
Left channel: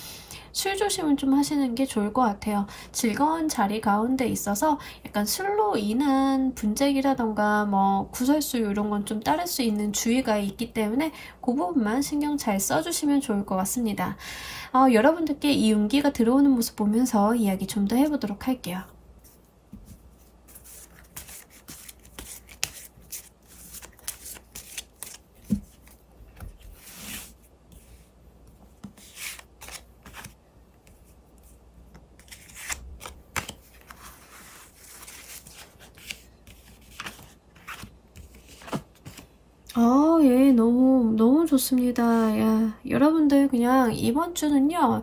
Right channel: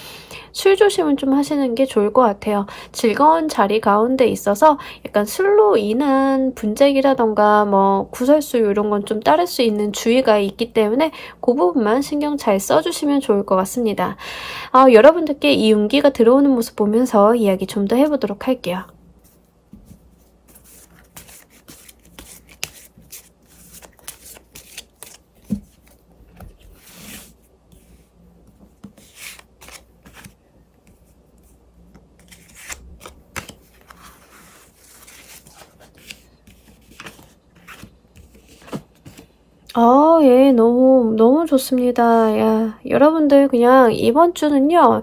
술 조심은 좀 하시는 게 좋을 것 같아요. 즐거운 자리 가운데 있어서 약간 술로 인한 분쟁이라던가 뭐 구설수 이런 건 좀 따를 수 있는 주의가 있기 때문에 그 부분만 신경 잘 써주시면 좋을 것 같습니다. 여러분들께 이 운기가 들어오는 모습 보면서 이야기 좀 더 해보도록 할게요. 예, 너무 좋습니다. 야, 여러분들 그냥 이번 주는요,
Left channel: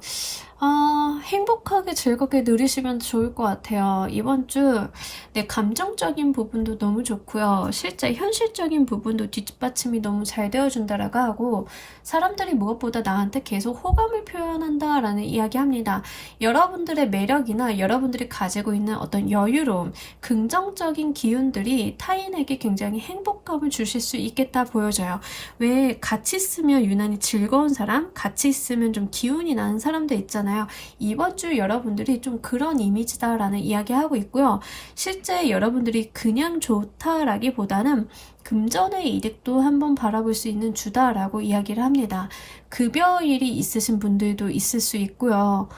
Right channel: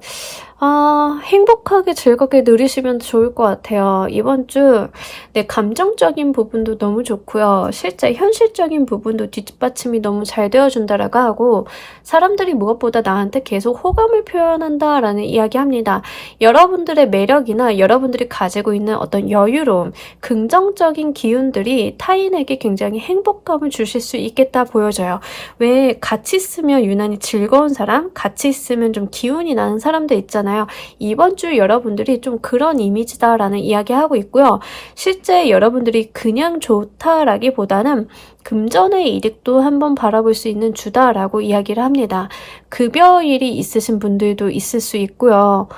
행복하게 즐겁게 누리시면 좋을 것 같아요. 이번 주, 네, 감정적인 부분도 너무 좋고요. 실제 현실적인 부분도 뒷받침이 너무 잘 되어준다라고 하고, 사람들이 무엇보다 나한테 계속 호감을 표현한다라는 이야기 합니다. 여러분들의 매력이나 여러분들이 가지고 있는 어떤 여유로움, 긍정적인 기운들이 타인에게 굉장히 행복감을 주실 수 있겠다 보여져요. 왜 같이 있으면 유난히 즐거운 사람, 같이 있으면 좀 기운이 나는 사람들 있잖아요. 이번 주 여러분들이 좀 그런 이미지다라는 이야기하고 있고요. 실제 여러분들이 그냥 좋다라기보다는 금전의 이득도 한번 바라볼 수 있는 주다라고 이야기를 합니다. 급여일이 있으신 분들도 있을 수 있고요.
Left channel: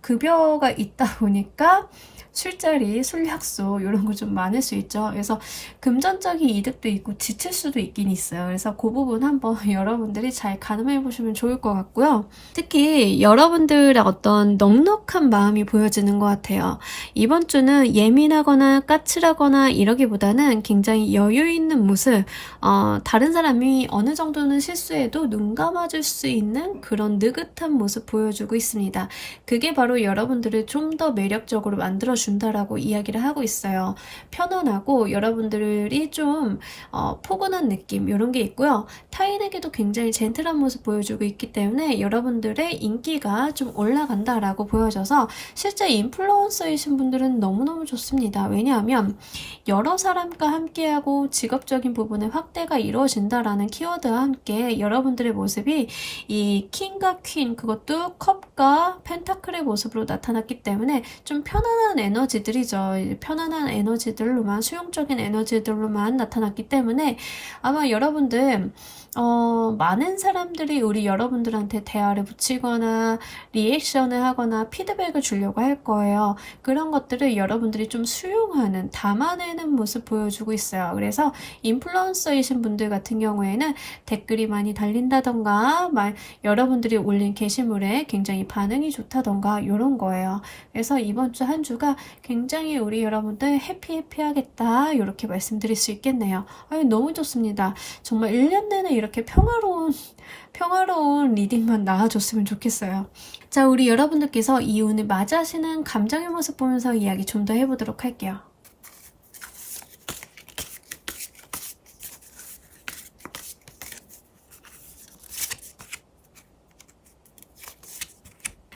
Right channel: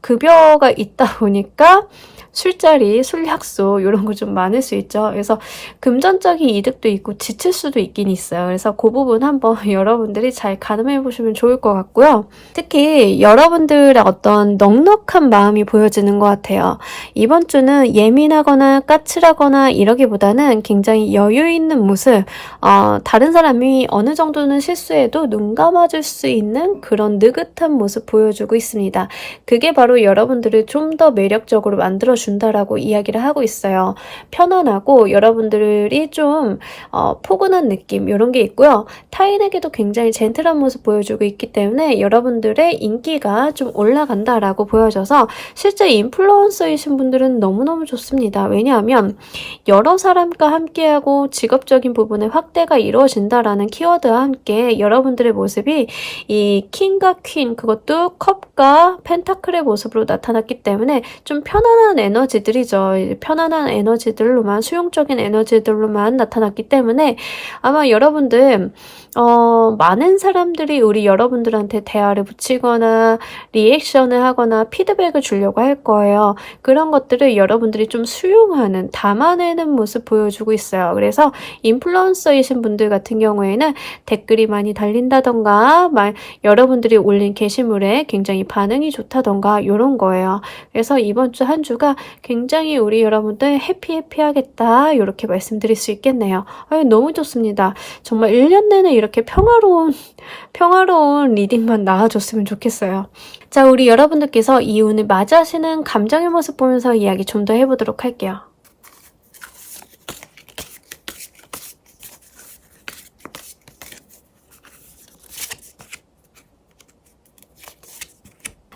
급여가 있다 보니까 술자리, 술 약속 이런 거 좀 많을 수 있죠. 그래서 금전적인 이득도 있고 지칠 수도 있긴 있어요. 그래서 그 부분 한번 여러분들이 잘 가늠해 보시면 좋을 것 같고요. 특히 여러분들의 어떤 넉넉한 마음이 보여지는 것 같아요. 이번 주는 예민하거나 까칠하거나 이러기보다는 굉장히 여유 있는 모습, 다른 사람이 어느 정도는 실수해도 눈 감아줄 수 있는 그런 느긋한 모습 보여주고 있습니다. 그게 바로 여러분들을 좀 더 매력적으로 만들어준다라고 이야기를 하고 있어요. 편안하고 여러분들이 좀 포근한 느낌 이런 게 있고요. 타인에게도 굉장히 젠틀한 모습 보여주고 있기 때문에 여러분들의 인기가 좀 올라간다라고 보여져서 실제 인플루언서이신 분들은 너무너무 좋습니다. 왜냐하면 여러 사람과 함께하고 직업적인 부분의 확대가 이루어진다라는 키워드와 함께 여러분들의 모습이 이 킹과 퀸, 그것도 컵과 펜타클의 모습으로 나타났기 때문에 좀 편안한 에너지들이죠. 편안한 에너지들로만, 수용적인 에너지들로만 나타났기 때문에 아마 여러분들 많은 사람들이 우리 여러분들한테 대화를 붙이거나 리액션을 하거나 피드백을 주려고 할 거예요. 그런 것들을 여러분들이 좀 수용하는, 담아내는 모습 보여주고 있어요. 그래서 인플루언서이신 분들 같은 경우에는 댓글이 많이 달린다던가 여러분들이 올린 게시물에 굉장히 반응이 좋다던가 이런 거예요. 그래서 이번 주 한 주가 굉장히 우리 여러분들 해피하겠다 이렇게 말씀드릴 수 있겠네요. 너무 좋습니다. 정말 1년 내내 이렇게 평화로운 리딩만 나와줬으면 좋겠어요. 자, 우리 여러분들께서 이 운을 맞이하시는 감정의 모습 보면서 이야기 좀 더 해보도록 할게요.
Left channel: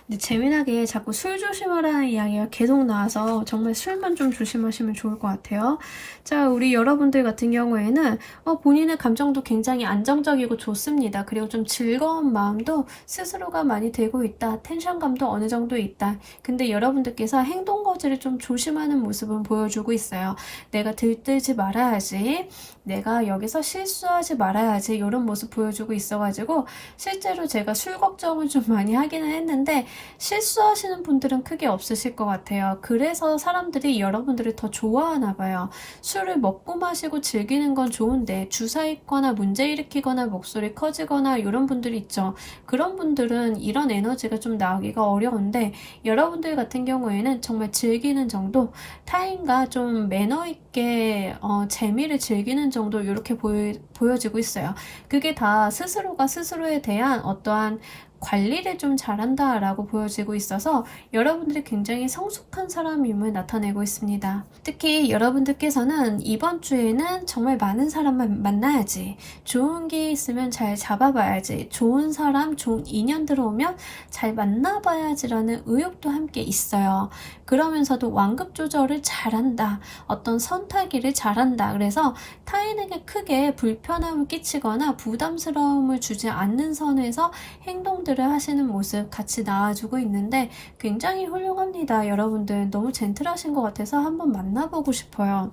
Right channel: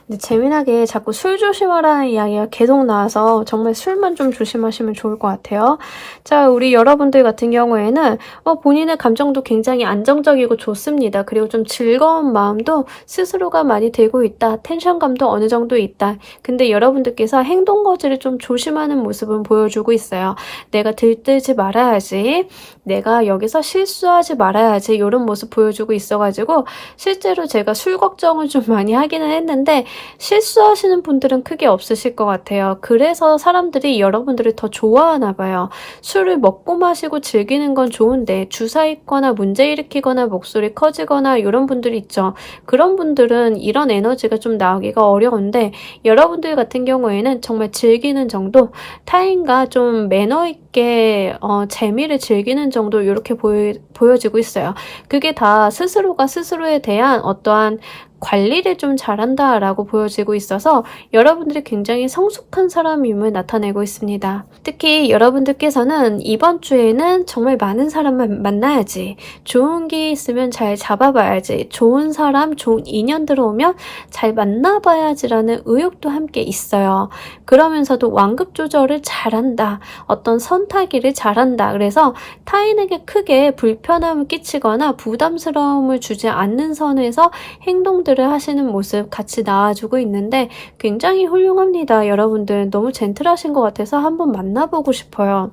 근데 재미나게 자꾸 술 조심하라는 이야기가 계속 나와서 정말 술만 좀 조심하시면 좋을 것 같아요. 자, 우리 여러분들 같은 경우에는 본인의 감정도 굉장히 안정적이고 좋습니다. 그리고 좀 즐거운 마음도 스스로가 많이 들고 있다. 텐션감도 어느 정도 있다. 근데 여러분들께서 행동 거지를 좀 조심하는 모습은 보여주고 있어요. 내가 들뜨지 말아야지. 내가 여기서 실수하지 말아야지. 이런 모습 보여주고 있어가지고 실제로 제가 술 걱정을 좀 많이 하기는 했는데 실수하시는 분들은 크게 없으실 것 같아요. 그래서 사람들이 여러분들을 더 좋아하나 봐요. 술을 먹고 마시고 즐기는 건 좋은데 주사 있거나 문제 일으키거나 목소리 커지거나 이런 분들이 있죠. 그런 분들은 이런 에너지가 좀 나오기가 어려운데 여러분들 같은 경우에는 정말 즐기는 정도, 타인과 좀 매너 있게 재미를 즐기는 정도 이렇게 보여지고 있어요. 그게 다 스스로가 스스로에 대한 어떠한 관리를 좀 잘한다라고 보여지고 있어서 여러분들이 굉장히 성숙한 사람임을 나타내고 있습니다. 특히 여러분들께서는 이번 주에는 정말 많은 사람을 만나야지, 좋은 게 있으면 잘 잡아봐야지, 좋은 사람, 좋은 인연 들어오면 잘 만나봐야지라는 의욕도 함께 있어요. 그러면서도 완급 조절을 잘한다, 어떤 선타기를 잘한다. 그래서 타인에게 크게 불편함을 끼치거나 부담스러움을 주지 않는 선에서 행동들을 하시는 모습 같이 나와주고 있는데 굉장히 훌륭합니다. 여러분들 너무 젠틀하신 것 같아서 한번 만나보고 싶어요.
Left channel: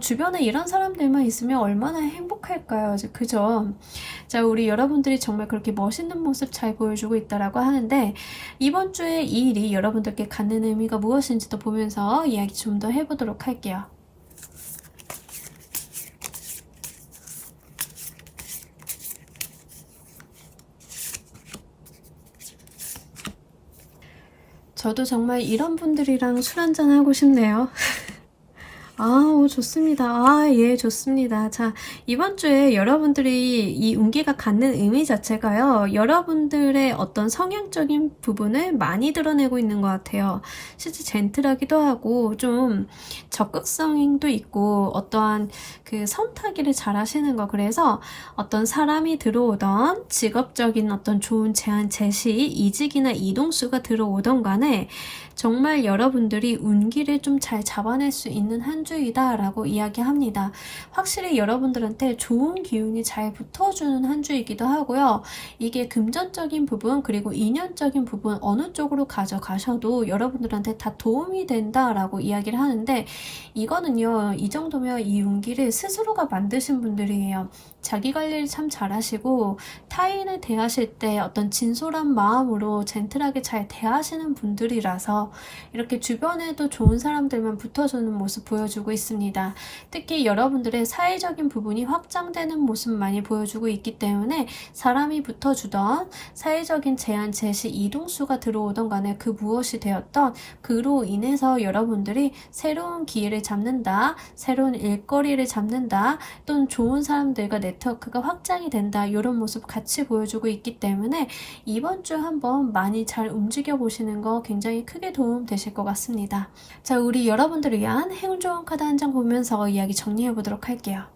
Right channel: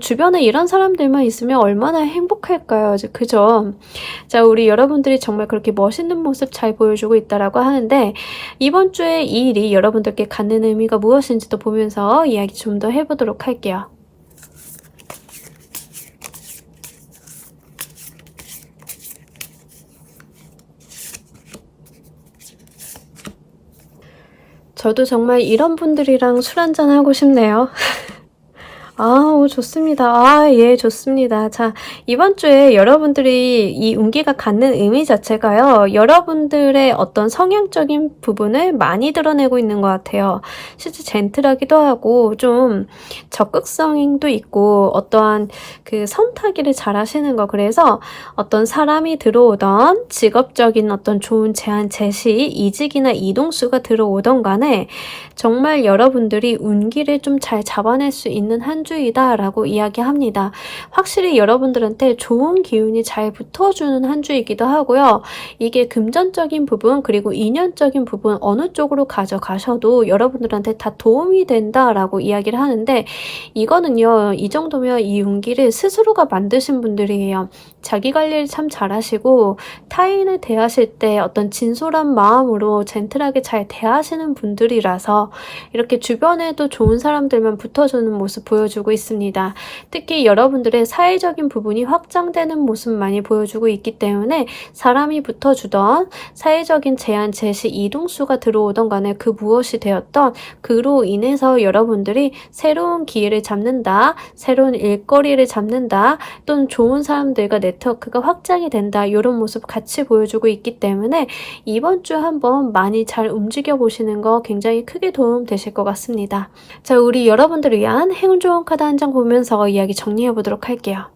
주변에 이런 사람들만 있으면 얼마나 행복할까요? 그죠? 자, 우리 여러분들이 정말 그렇게 멋있는 모습 잘 보여주고 있다라고 하는데 이번 주에 이 일이 여러분들께 갖는 의미가 무엇인지도 보면서 이야기 좀 더 해보도록 할게요. 저도 정말 이런 분들이랑 술 한잔 하고 싶네요. 좋습니다. 예, 좋습니다. 자, 이번 주에 여러분들이 이 운기가 갖는 의미 자체가요, 여러분들의 어떤 성향적인 부분을 많이 드러내고 있는 것 같아요. 실제 젠틀하기도 하고, 좀 적극성도 있고, 어떠한 그 선타기를 잘 하시는 거. 그래서 어떤 사람이 들어오던 직업적인 어떤 좋은 제안, 제시, 이직이나 이동수가 들어오던 간에 정말 여러분들이 운기를 좀 잘 잡아낼 수 있는 한 주이다 라고 이야기합니다. 확실히 여러분들한테 좋은 기운이 잘 붙어주는 한 주이기도 하고요. 이게 금전적인 부분 그리고 인연적인 부분 어느 쪽으로 가져가셔도 여러분들한테 다 도움이 된다라고 이야기를 하는데 이거는요, 이 정도면 이 운기를 스스로가 만드신 분들이에요. 자기 관리를 참 잘하시고 타인을 대하실 때 어떤 진솔한 마음으로 젠틀하게 잘 대하시는 분들이라서 이렇게 주변에도 좋은 사람들만 붙어주는 모습 보여주고 있습니다. 특히 여러분들의 사회적인 부분이 확장되는 모습 많이 보여주고 있기 때문에 사람이 붙어주던 사회적인 제안, 제시, 이동수가 들어오던 간에 그 무엇이 되었던 그로 인해서 여러분들이 새로운 기회를 잡는다, 새로운 일거리를 잡는다, 또는 좋은 사람들과 네트워크가 확장이 된다, 이런 모습 같이 보여주고 있기 때문에 이번 주 한번 많이 잘 움직여 보시는 거 굉장히 크게 도움 되실 것 같습니다. 자, 우리 여러분들을 위한 행운 좋은 카드 한 장 보면서 이야기 정리해 보도록 할게요.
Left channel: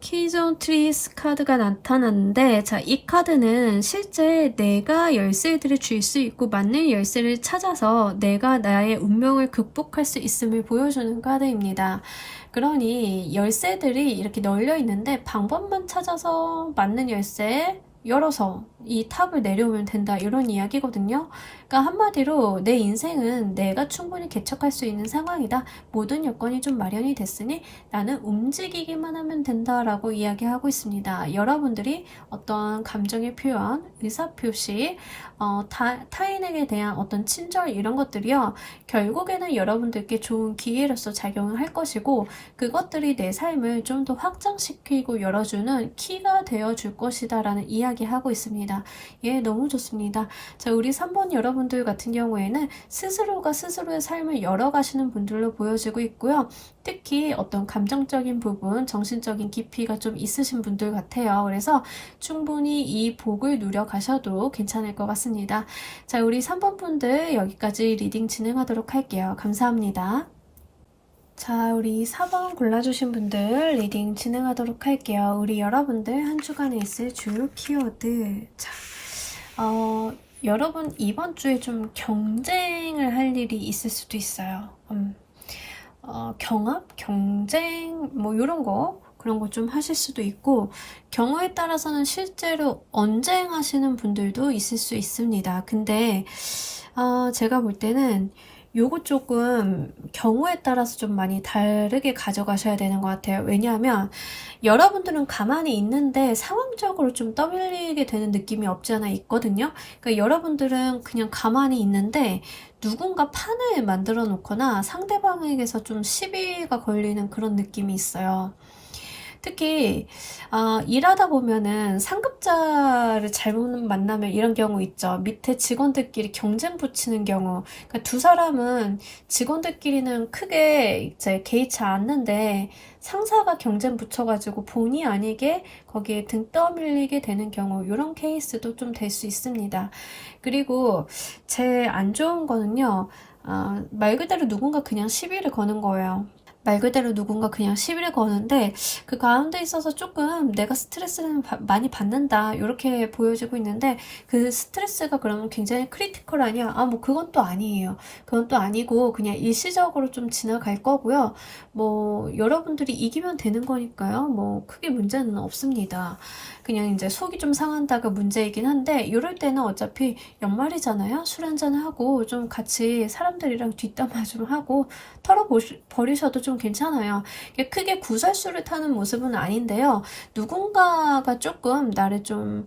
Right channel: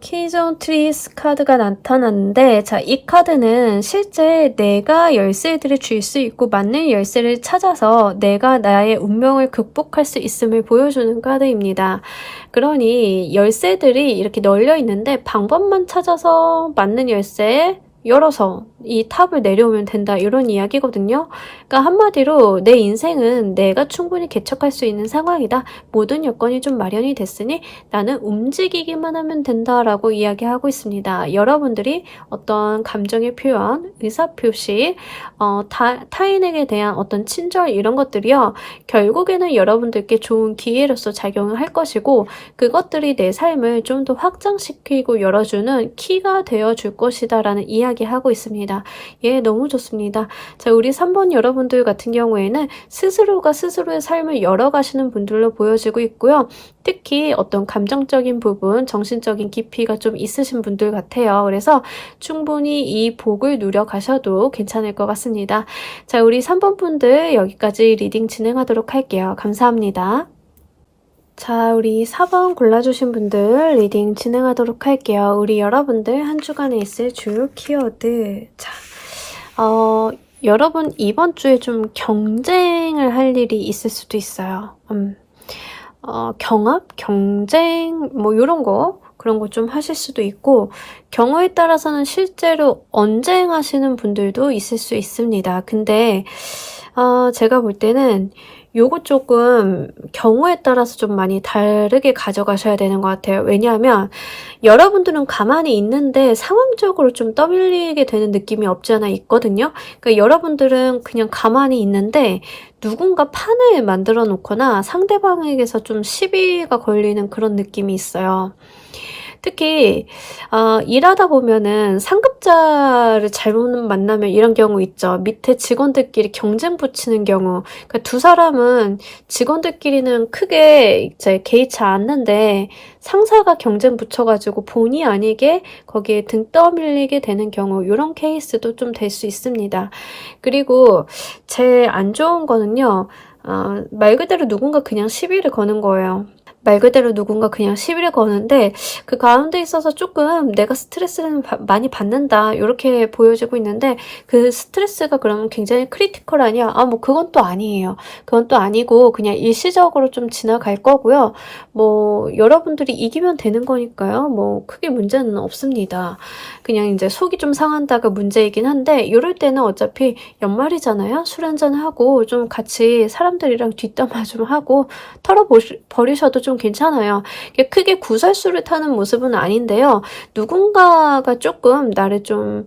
키존 트리스 카드가 나타났는데, 자, 이 카드는 실제 내가 열쇠들을 줄 수 있고 맞는 열쇠를 찾아서 내가 나의 운명을 극복할 수 있음을 보여주는 카드입니다. 그러니 열쇠들이 이렇게 널려 있는데 방법만 찾아서 맞는 열쇠 열어서 이 탑을 내려오면 된다, 이런 이야기거든요. 그러니까 한마디로 내 인생은 내가 충분히 개척할 수 있는 상황이다. 모든 여건이 좀 마련이 됐으니 나는 움직이기만 하면 된다라고 이야기하고 있습니다. 여러분들이 어떤 감정의 표현, 의사표시, 타인에게 대한 어떤 친절 이런 것들이요, 결국에는 여러분들께 좋은 기회로서 작용을 할 것이고 그것들이 내 삶을 좀 더 확장시키고 열어주는 키가 되어줄 것이다 라는 이야기하고 있습니다. 예, 너무 좋습니다. 자, 우리 3번 여러분들 같은 경우에는 스스로가 스스로의 삶을 열어가시는 분들로 보여지고 있고요. 특히 어떤 감정적인 부분, 정신적인 깊이가 좀 있으신 분들 같아요. 그래서 충분히 이 복을 누려가셔도 괜찮을 것 같습니다. 자, 우리 3번 분들 여기까지 리딩 진행하도록 할게요. 감사합니다. 자, 우리 4번 골라주신 분들 리딩 진행하도록 할게요. 우리 여러분들 한 주간에 있을 주요 키워드. 자, 여러분 이번 주에 좀 경쟁을 할 일이 있을 수도 있어요. 경합, 경쟁, 뭐 이런 거, 그런 거 좀 하실 수도 있고, 경우에 따라서는 실제로 언쟁하시는 분들도 있을 수 있습니다. 근데 제가 볼 때는 요거 조금 경우에 따라서 좀 많이 다르게 가져가셔야 되는 것 같아요. 왜냐하면 여러분들은 가만히 있는데 상황적으로 좀 떠밀리게 되는 느낌이 없지 않아 있거든요. 그러니까 여러분들은 그냥 가만히 있는데 누군가 판을 만들어 놓거나 상대방에게서 좀 시비가 걸리는 그런 느낌이 있어요. 특히 일하다 보면은 상급자를 잘못 만나면 이런 경우 있죠. 밑에 직원들끼리 경쟁 붙이는 경우. 그러니까 두 사람은 직원들끼리는 크게 이제 개의치 않는데 상사가 경쟁 붙여가지고 본의 아니게 거기에 등 떠밀리게 되는 경우, 이런 케이스도 좀 될 수 있습니다. 그리고 제일 안 좋은 거는요, 말 그대로 누군가 그냥 시비를 거는 거예요. 말 그대로 누군가 그냥 시비를 거는데 그 가운데 있어서 조금 내가 스트레스를 많이 받는다 이렇게 보여지고 있는데, 그 스트레스가 그러면 굉장히 크리티컬하냐? 뭐 그건 또 아니에요. 그건 또 아니고 그냥 일시적으로 좀 지나갈 거고요. 뭐 여러분들이 이기면 되는 거니까요. 뭐 크게 문제는 없습니다. 그냥 이제 속이 좀 상한다가 문제이긴 한데, 이럴 때는 어차피 연말이잖아요. 술 한잔하고 좀 같이 사람들이랑 뒷담화 좀 하고 털어버리셔도 좀 괜찮아요. 크게 구설수를 타는 모습은 아닌데요. 누군가가 조금 나를 좀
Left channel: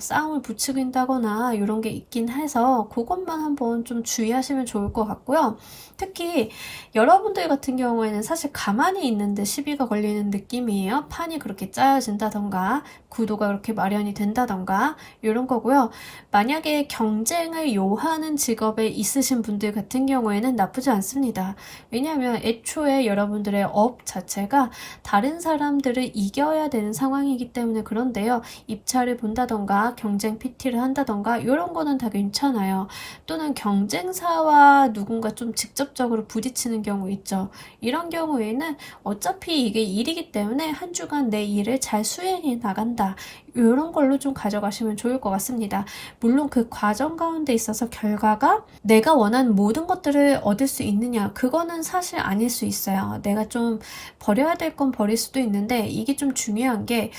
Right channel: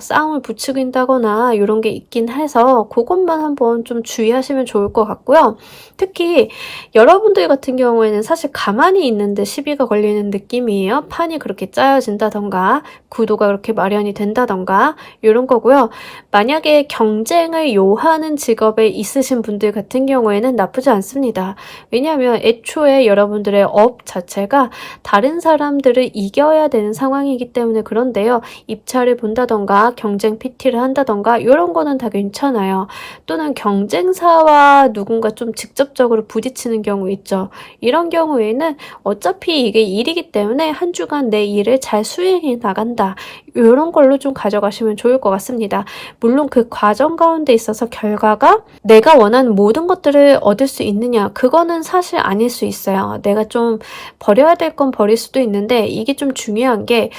싸움을 부추긴다거나 이런 게 있긴 해서 그것만 한번 좀 주의하시면 좋을 것 같고요. 특히 여러분들 같은 경우에는 사실 가만히 있는데 시비가 걸리는 느낌이에요. 판이 그렇게 짜여진다던가 구도가 그렇게 마련이 된다던가 이런 거고요. 만약에 경쟁을 요하는 직업에 있으신 분들 같은 경우에는 나쁘지 않습니다. 왜냐하면 애초에 여러분들의 업 자체가 다른 사람들을 이겨야 되는 상황이기 때문에 그런데요. 입찰을 본다던가 경쟁 PT를 한다던가 이런 거는 다 괜찮아요. 또는 경쟁사와 누군가 좀 직접적으로 부딪히는 경우 있죠. 이런 경우에는 어차피 이게 일이기 때문에 한 주간 내 일을 잘 수행해 나간다. 이런 걸로 좀 가져가시면 좋을 것 같습니다. 물론 그 과정 가운데 있어서 결과가 내가 원하는 모든 것들을 얻을 수 있느냐, 그거는 사실 아닐 수 있어요. 내가 좀 버려야 될 건 버릴 수도 있는데, 이게 좀 중요한 게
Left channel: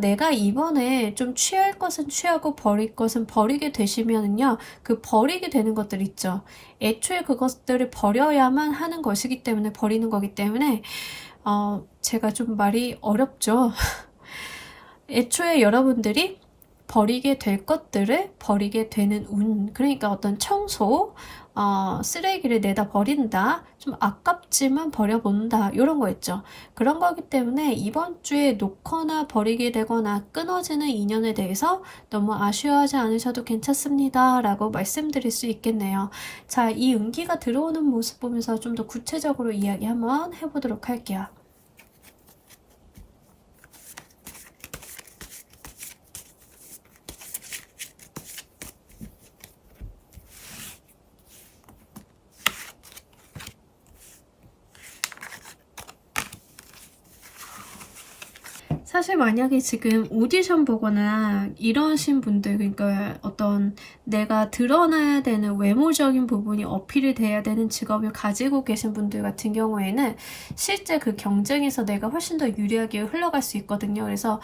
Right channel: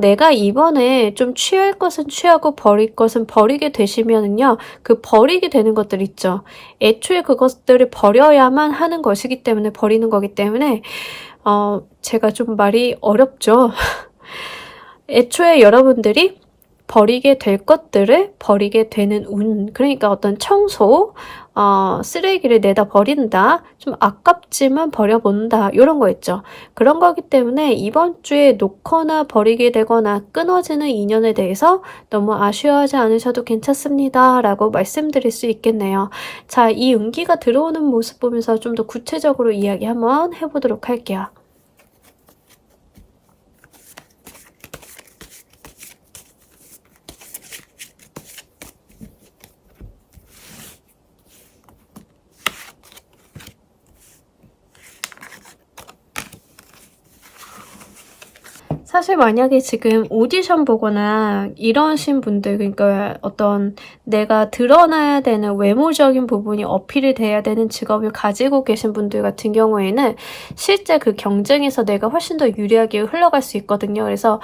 내가 이번에 좀 취할 것은 취하고 버릴 것은 버리게 되시면은요, 그 버리게 되는 것들 있죠. 애초에 그것들을 버려야만 하는 것이기 때문에 버리는 거기 때문에 제가 좀 말이 어렵죠. 애초에 여러분들이 버리게 될 것들을 버리게 되는 운, 그러니까 어떤 청소, 쓰레기를 내다 버린다, 좀 아깝지만 버려본다, 이런 거 있죠. 그런 거기 때문에 이번 주에 놓거나 버리게 되거나 끊어지는 인연에 대해서 너무 아쉬워하지 않으셔도 괜찮습니다 라고 말씀드릴 수 있겠네요. 자, 이 운기가 들어오는 모습 보면서 좀 더 구체적으로 이야기 한번 해보도록 할게요. 사실 만약에 지금 오디션 보거나 이러신 분들, 그러니까 어떤 내가 드러나야 되는 외모적인 부분이 어필이 돼야 되는 직업을 가지고 계신 분들 같은 경우에는 실제 그 경쟁에서 내가 훨씬 더 유리하게 흘러갈 수 있거든요. 그래서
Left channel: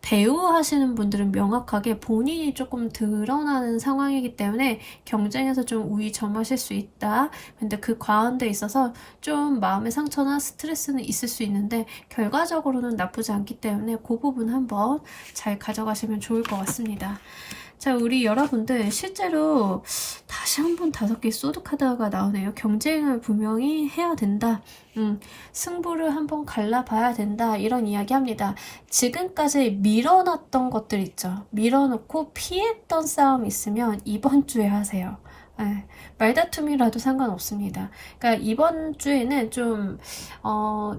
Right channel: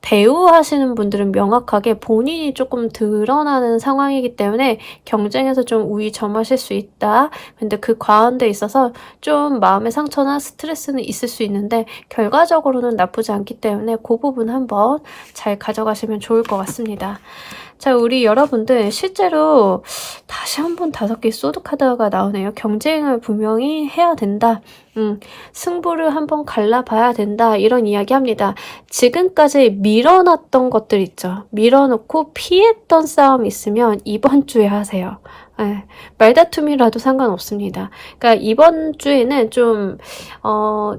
배우 하시는 분들은 명확하게 본인이 조금 드러나는 상황이기 때문에 경쟁에서 좀 우위 점하실 수 있다. 근데 그 가운데 있어서 좀 마음의 상처나 스트레스는 있을 수 있는데 결과적으로는 나쁘지 않기 때문에 그 부분 한번 잘 가져가시면 좋을 것 같습니다. 자, 우리 여러분들 실제로 다시 한번 5개 소드카드가 나오네요. 경쟁을 분명히 해야 된다. 승부를 한번 갈라봐야 된다. 이런 이야기 합니다. 지금까지 밀어놨던 것들 있죠. 밀어놓고 피했던 싸움이 있으면 이번 주에 하세요. 네, 말다툼이라도 상관없습니다. 그러니까 이번 주에는 좀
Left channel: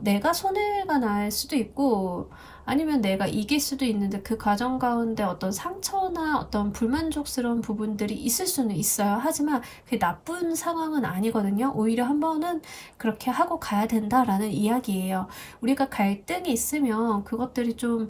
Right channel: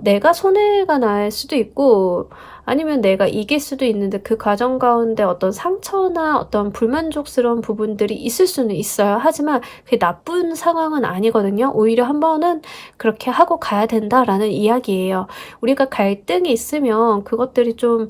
내가 손해가 날 수도 있고 아니면 내가 이길 수도 있는데 그 과정 가운데 어떤 상처나 어떤 불만족스러운 부분들이 있을 수는 있어요. 하지만 그게 나쁜 상황은 아니거든요. 오히려 한 번은 그렇게 하고 가야 된다라는 이야기예요. 우리가 갈등이 있으면 그것들이 좀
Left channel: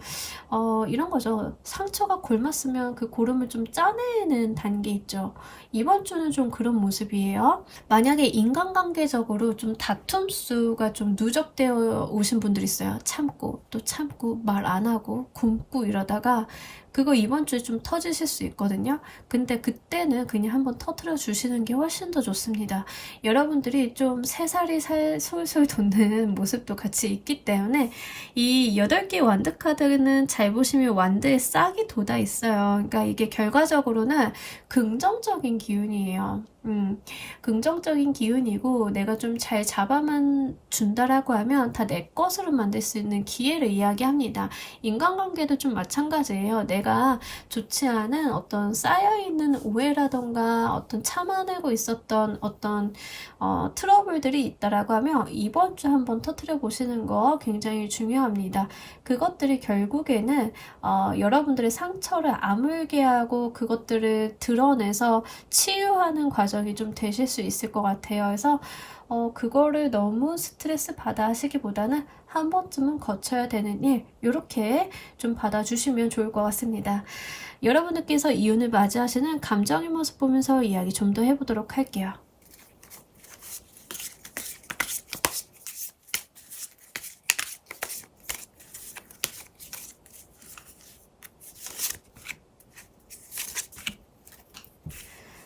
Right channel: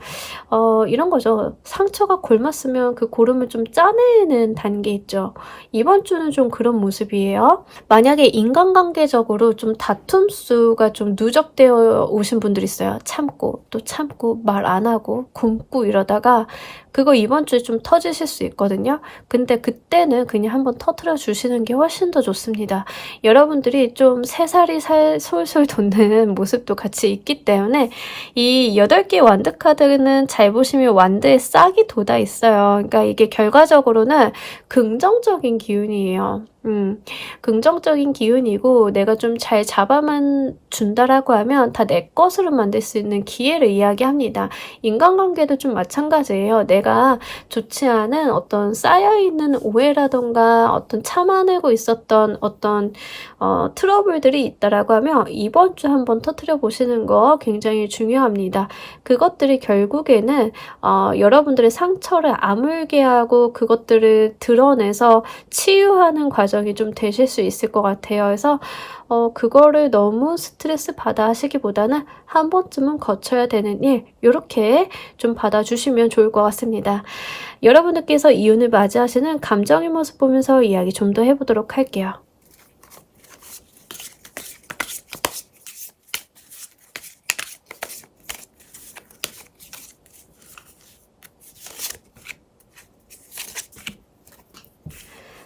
이런 거죠. 상처가 골맞으면 그 고름을 좀 짜내는 단계 있죠. 이번 주는 좀 그런 모습이에요. 만약에 인간관계적으로 좀 다툼 수가 좀 누적되어 오신 분들 있어요. 참고 또 참고 말 안 하고 굶고 이러다가 그거 이번 주에 좀 터지실 수 있거든요. 근데 그때는 그냥 한번 터트려 주시는 게 훨씬 더 좋습니다. 여러분들이 좀 새살이 솔솔 돋는 모습도 같이 있기 때문에 이 8개 완드 카드는 잘 보시면 완드에 싹이 돋아 있어요. 그러니까 이게 결과적으로는 긍정적인 기운이에요. 긍정적인 기운이고 내가 좀 잘 잡아만 준다라고 하면 다 내 것으로 만들 수 있는 기회를 이야기합니다. 인간관계도 좀 마찬가지예요. 내가 좋지 않은 어떤 쌓여있는 오해라던가 어떤 참아내고 있었던 어떤 트러블들이 있다라고 하면 이번 주 한번 터뜨려 보시는 거 굉장히 중요합니다. 그것들이 결국에는 여러분들의 상처를 아물게 하고 그것들을 드러내서 치유하는 과정이 좀 되실 수 있을 것 같아요. 그래서 그거를 너무 스트레스 받아 하시기보다는 한 번쯤은 거쳐야 되는 일 이렇게 좀 받아주시면 좋을 것 같습니다. 여러분들께서 이윤을 맞이하시는 감정의 모습 보면서 이야기 좀 더 해보도록 할게요.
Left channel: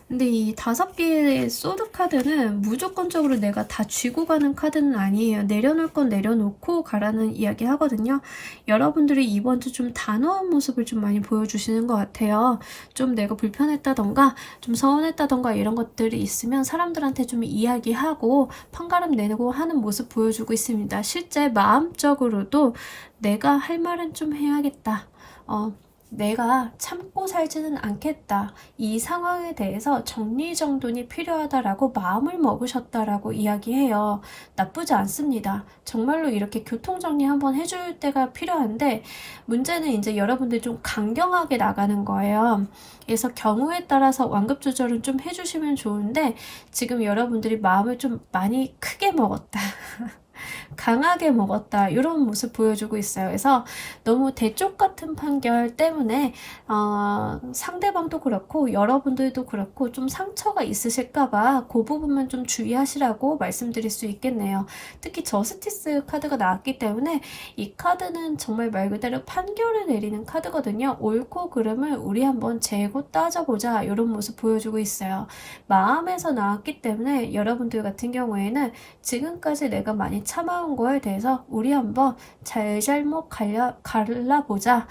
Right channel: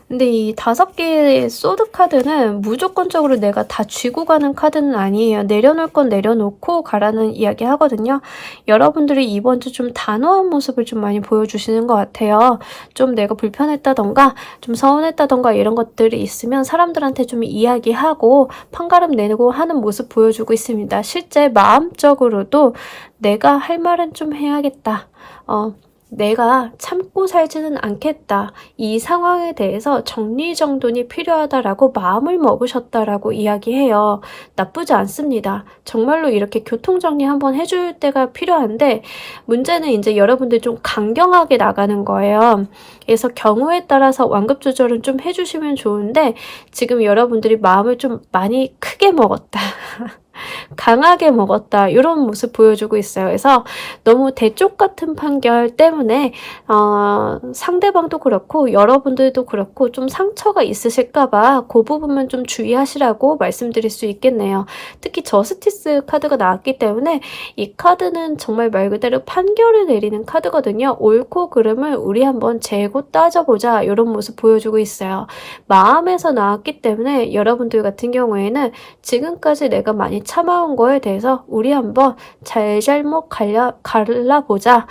근데 이 5개의 소드 카드는 무조건적으로 내가 다 쥐고 가는 카드는 아니에요. 내려놓을 건 내려놓고 가라는 이야기 하거든요. 여러분들이 이번 주 좀 단호한 모습을 좀 많이 보여주시는 것 같아요. 좀 내가 불편했다던가 좀 서운했다던가 이런 것들이 있으면 사람들한테 좀 이야기하고 판가름 내고 하는 모습 보여주고 있습니다. 실제 마음적으로도 내가 할 말은 좀 해야겠다. 내가 참고 살지는 않겠다. 이 상황에 대해서 정리정돈이 필요하다라고 마음을 먹으셨다라고 이야기해요. 나쁘지 않습니다. 정말로 이렇게 교통정리 한번 해줄 때가 필요한데 문제는 이제 여러분들 좀 강경하게 나가는 거예요. 그래서 경우에 따라서 완급 조절은 좀 해주시면 좋은데 지금 여러분들이 마음을 좀 많이 크게 먹었다. 강하게 먹었다 이런 모습 보여주고 있어요. 그래서 너무 대쪽 같은 판결 때문에 상대방도 그렇고 여러분들도 그렇고 좀 상처가 있으실까봐 그 부분만 좀 주의하시라고 말씀드릴 수 있겠네요. 특히 저스티스 카드가 나왔기 때문에 이 카드는 정말 말 그대로 판결을 내리는 카드거든요. 옳고 그름을 우리 한번 재고 따져보자 이런 모습 보여주고 있어요. 마음에서 나왔기 때문에 여러분들 같은 경우에는 지금까지 내가 많이 참아온 거에 대해서 우리 한번 잘잘못 갈라보자.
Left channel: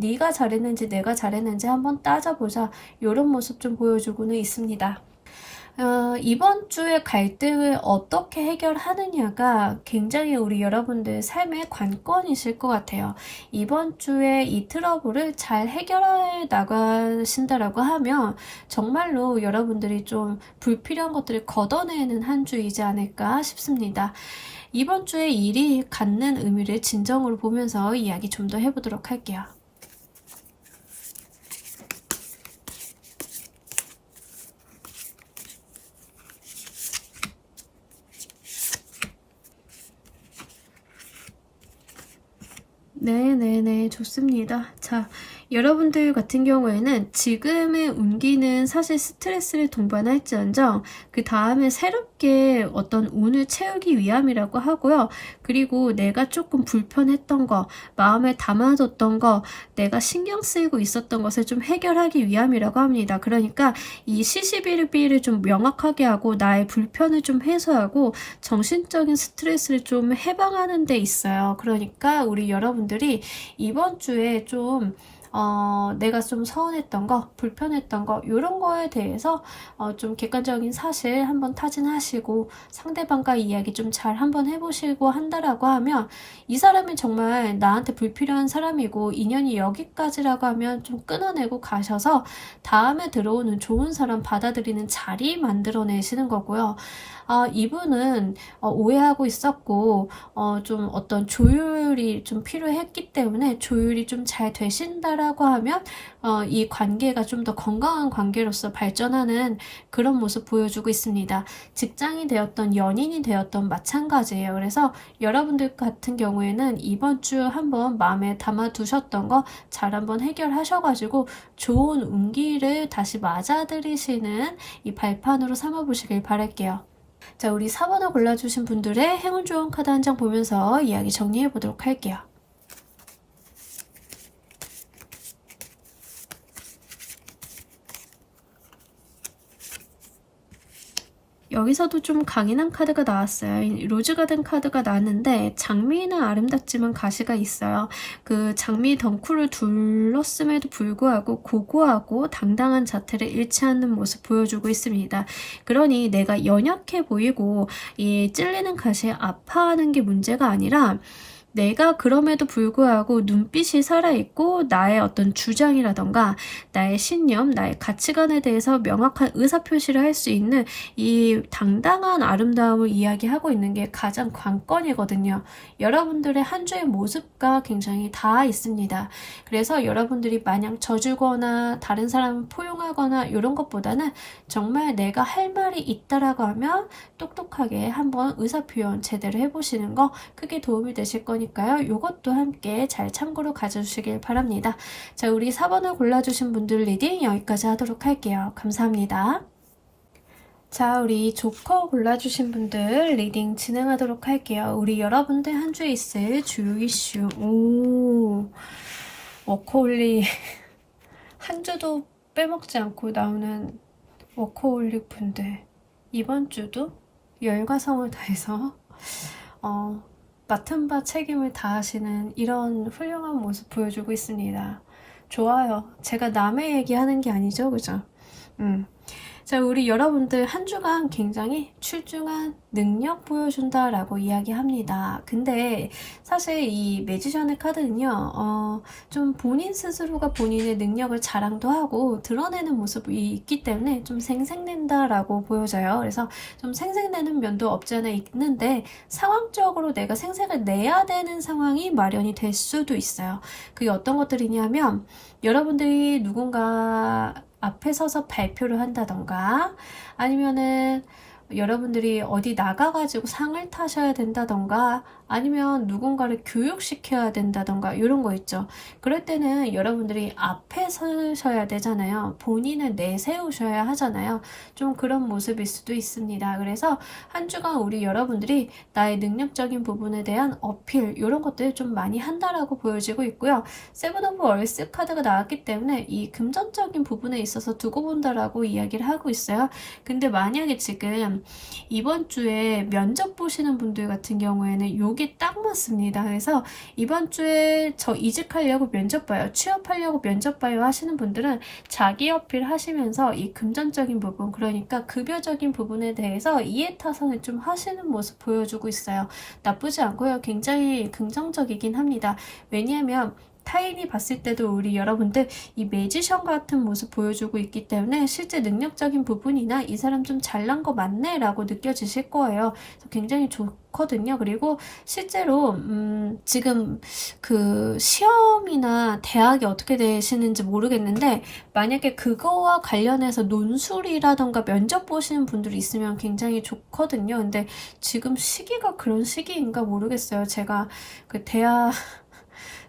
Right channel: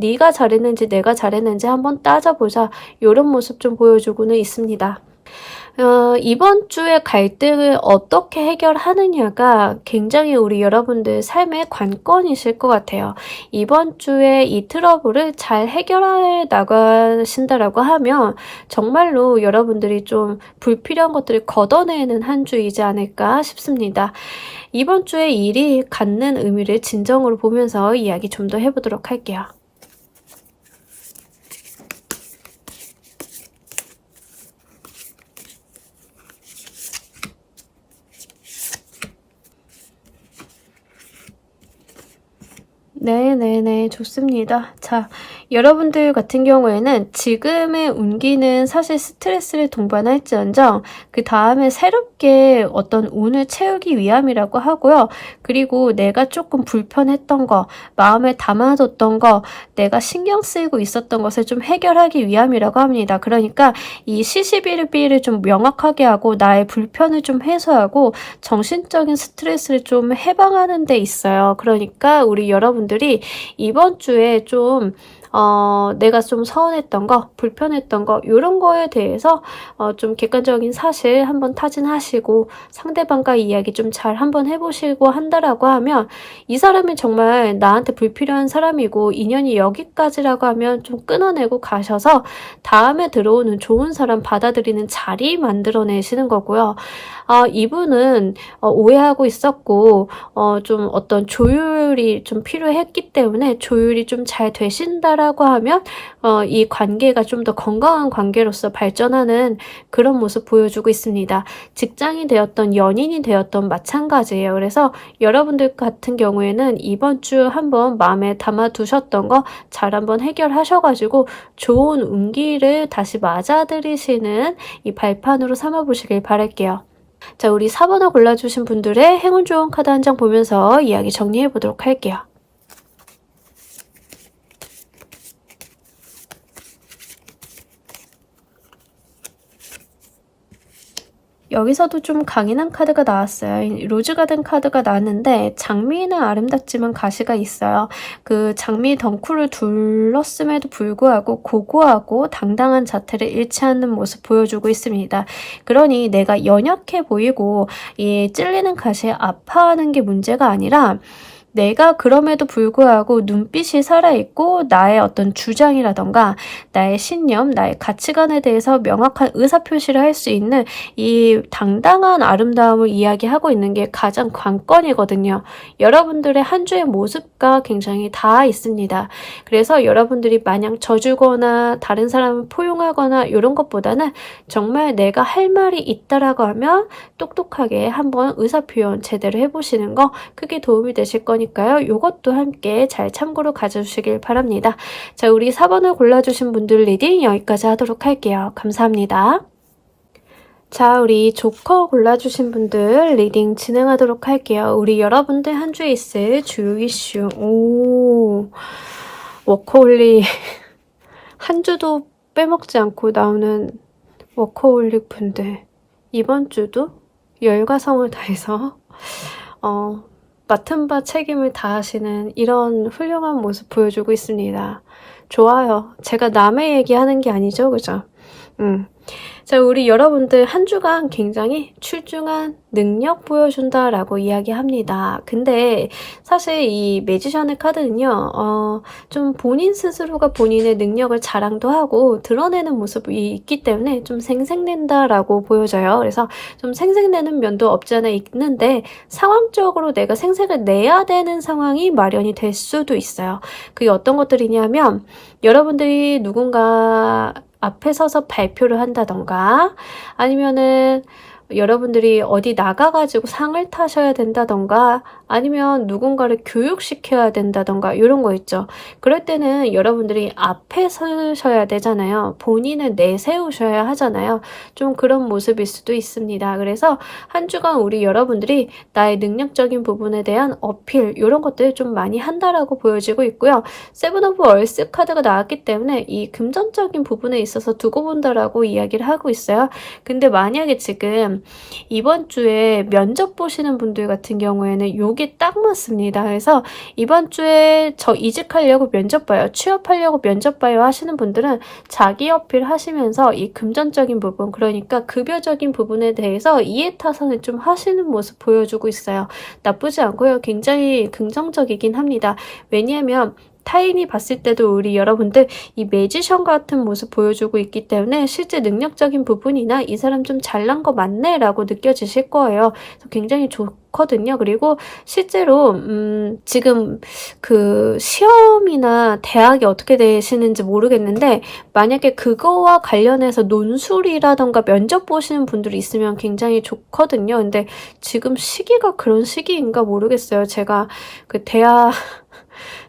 네가 잘했는지 내가 잘했는지 한번 따져보자. 이런 모습 좀 보여주고는 있습니다. 이번 주에 갈등을 어떻게 해결하느냐가 굉장히 우리 여러분들 삶의 관건이실 것 같아요. 이번 주에 이 트러블을 잘 해결해 나가신다라고 하면 정말로 여러분들이 좀 불필요한 것들을 걷어내는 한 주이지 않을까 싶습니다. 이번 주에 일이 갖는 의미를 진정으로 보면서 이야기 좀 더 해보도록 할게요. 네네네, 좋습니다. 자, 여러분들 같은 경우에는 지금의 운기는 사실 스트레스를 동반할지언정 그 다음에 새롭게 어떤 운을 채우기 위함이라고 하고요. 그리고 내가 조금 불편했던 거, 마음에 담아뒀던 거, 내가 신경 쓰이고 있었던 것을 좀 해결하기 위함이라고 합니다. 그러니까 이 시시비비를 좀 명확하게 하고 나의 불편을 좀 해소하고 정신적인 스트레스를 좀 해방하는 데 있어요. 그러니까 우리 여러분들이 이번 주에 좀 내가 좀 서운했던 거, 불편했던 거 이런 거에 대해서 좀 객관적인 사실 한번 타진하시고 상대방과 이야기 좀 잘 한번 해보시고 한다라고 하면 이 사람이 정말 나한테 불필요한 사람이고 인연이 여기까지라고 하면 좀 끊어내고 가셔서 다음에 들어오는 좋은 사람 받아들이는 자리 만들어내시는 거고요. 이분은 오해하고 있었고 좀 어떤 조율이 좀 필요했기 때문에 조율이 좀 잘 되신다라고 하면 이 관계가 좀 더 건강한 관계로서 발전하는 그런 모습 보여주고 있습니다. 직장이 되었던 연인이 되었던 마찬가지예요. 그래서 여러분들 같은 경우에는 이번 주 한번 마음에 담아두셨던 거 잘 한번 해결하셔가지고 좋은 운기를 다시 맞아들이시는 이 발판으로 삼아보시길 바랄게요. 자, 우리 4번을 골라주신 분들의 행운 좋은 카드 한 장 보면서 이야기 정리해 보도록 할게요. 여기서도 좀 강인한 카드가 나왔어요. 로즈가든 카드가 나왔는데 장미는 아름답지만 가시가 있어요. 그 장미 덩쿨을 둘렀음에도 불구하고 고고하고 당당한 자태를 잃지 않는 모습 보여주고 있습니다. 그러니 내가 연약해 보이고 이 찔리는 가시에 아파하는 게 문제가 아니라 내가 그럼에도 불구하고 눈빛이 살아있고 나의 어떤 주장이라던가 나의 신념, 나의 가치관에 대해서 명확한 의사표시를 할 수 있는 이 당당한 아름다움을 이야기하고 있는 게 가장 관건이거든요. 여러분들의 한 주의 모습과 굉장히 다 있습니다. 그래서 여러분들이 마냥 져주거나 다른 사람을 포용하거나 이런 것보다는 정말 내가 할 말이 있다라고 하면 똑똑하게 한번 의사표현 제대로 해보시는 거 크게 도움이 되실 거니까 이것도 함께 잘 참고로 가져주시길 바랍니다. 자, 우리 4번을 골라주신 분들 리딩 여기까지 하도록 할게요. 감사합니다. 자, 우리 조커 골라주신 분들 리딩 진행하도록 할게요. 우리 여러분들 한 주에 있을 주요 이슈. 워커홀릭 한 주도 빼먹지 않고 나오는 워커홀릭 분들 이번 주도 열과 성을 다해서 맡은 바 책임을 다하시는 이런 훌륭한 모습 보여주고 있습니다. 좋아요. 제가 남의 얘기하는 게 아니죠, 그죠? 자, 우리 여러분들 한 주간 굉장히 출중한 능력 보여준다라고 이야기합니다. 근데 사실 이 매지션의 카드는요, 좀 본인 스스로가 본인의 능력을 자랑도 하고 드러내는 모습이 있기 때문에 좀 생색낸다라고 보여져요. 그래서 좀 생색내는 면도 없지 않아 있는데 상황적으로 내가 생색을 내야 되는 상황이 마련이 될 수도 있어요. 그게 어떤 것들이냐면 여러분들이 누군가 앞에 서서 발표를 한다던가 아니면은 여러분들이 어디 나가가지고 상을 타셔야 된다던가 아니면 누군가를 교육시켜야 된다던가 이런 거 있죠. 그럴 때는 여러분들이 앞에 서셔야 되잖아요. 본인을 내세우셔야 하잖아요. 좀 그런 모습일 수도 있습니다. 그래서 한 주간 우리 여러분들이 나의 능력적인 부분에 대한 어필 이런 것들 좀 많이 한다라고 보여지고 있고요. 세븐 오브 얼스 카드가 나왔기 때문에 이 금전적인 부분에 있어서 두고 본다라고 이야기를 하고 있어요. 근데 만약에 지금 이번 주에 면접 보시는 분들 같은 경우에는 요게 딱 맞습니다. 그래서 이번 주에 저 이직하려고 면접 봐요, 취업하려고 면접 봐요 하시는 분들은 자기 어필 하시면서 이 금전적인 부분, 그러니까 급여적인 부분에 대해서 이해타산을 좀 하시는 모습 보여주고 있어요. 나쁘지 않고요. 굉장히 긍정적이긴 합니다. 왜냐하면 타인이 봤을 때도 우리 여러분들 이 매지션 같은 모습 보여주고 있기 때문에 실제 능력적인 부분이나 이 사람 좀 잘난 거 맞네 라고 느껴지실 거예요. 그래서 굉장히 좋거든요. 그리고 실제로 지금 그 시험이나 대학이 어떻게 되시는지 모르겠는데 만약에 그거와 관련해서 논술이라던가 면접 보시는 분들이 있으면 굉장히 좋거든요. 근데 지금 시기가 그런 시기인가 모르겠어요. 제가 그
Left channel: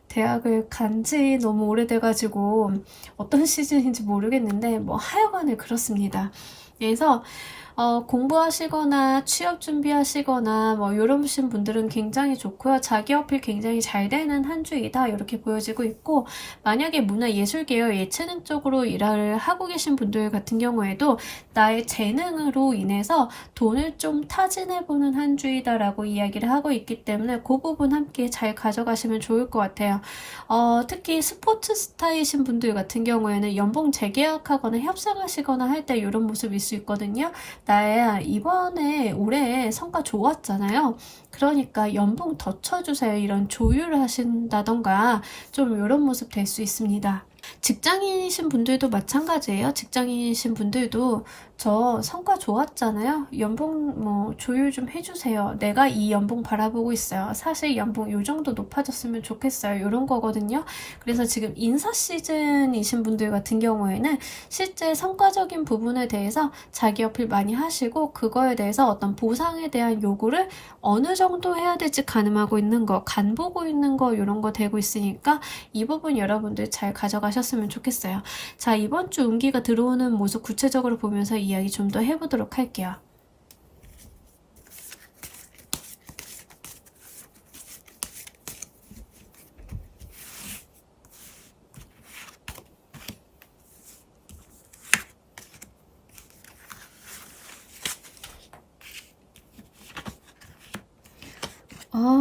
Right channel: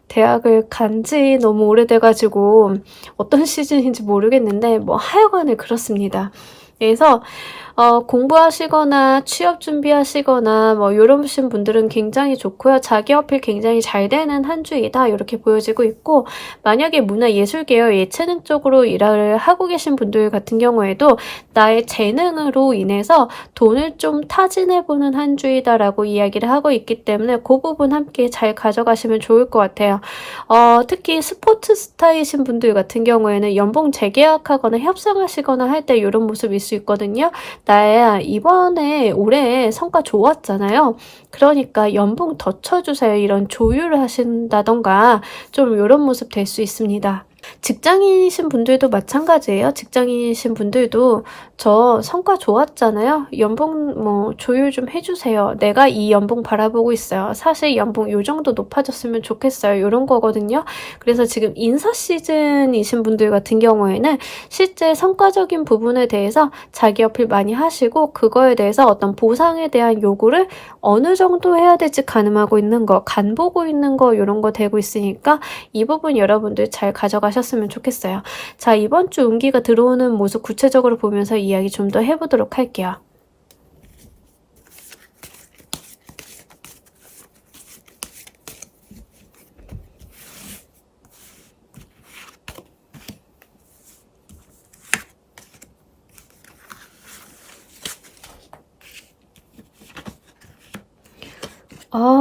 대학을 간지 너무 오래돼가지고 어떤 시즌인지 모르겠는데 뭐 하여간에 그렇습니다. 그래서 공부하시거나 취업 준비하시거나 뭐 이러신 분들은 굉장히 좋고요. 자기 어필 굉장히 잘 되는 한 주이다 이렇게 보여지고 있고, 만약에 문화예술계열 예체능 쪽으로 일을 하고 계신 분들 같은 경우에도 나의 재능으로 인해서 돈을 좀 타진해보는 한 주이다라고 이야기를 하고 있기 때문에 그 부분 함께 잘 가져가시면 좋을 것 같아요. 특히 스포츠 스타이신 분들 같은 경우에는 연봉 재계약하거나 협상하시거나 할 때 이런 모습일 수 있거든요. 나의 이번에 올해 성과 좋았잖아요. 그러니까 연봉 더 쳐주세요. 이런 조율을 하신다던가 좀 이런 모습 될 수 있습니다. 직장인이신 분들도 마찬가지예요. 직장인이신 분들도 저 성과 좋았잖아요. 연봉 뭐 조율 좀 해주세요. 내가 이 연봉 바라보고 있어요. 사실 연봉 요 정도 높아졌으면 좋겠어요. 이런 거거든요. 그래서 지금 인사 시즌이신 분들 같은 경우에는 실제 성과적인 부분에 대해서 자기 어필 많이 하시고 그거에 대해서 어떤 보상에 대한 요구를 어느 정도 해야 될지 가늠하고 있는 거, 간 보고 있는 거 이런 거 되고 있으니까 이 부분 여러분들 잘 가져가셨으면 좋겠어요. 자, 이번 주 운기가 들어오는 모습 구체적으로 보면서 이야기 좀 더 해보도록 할게요.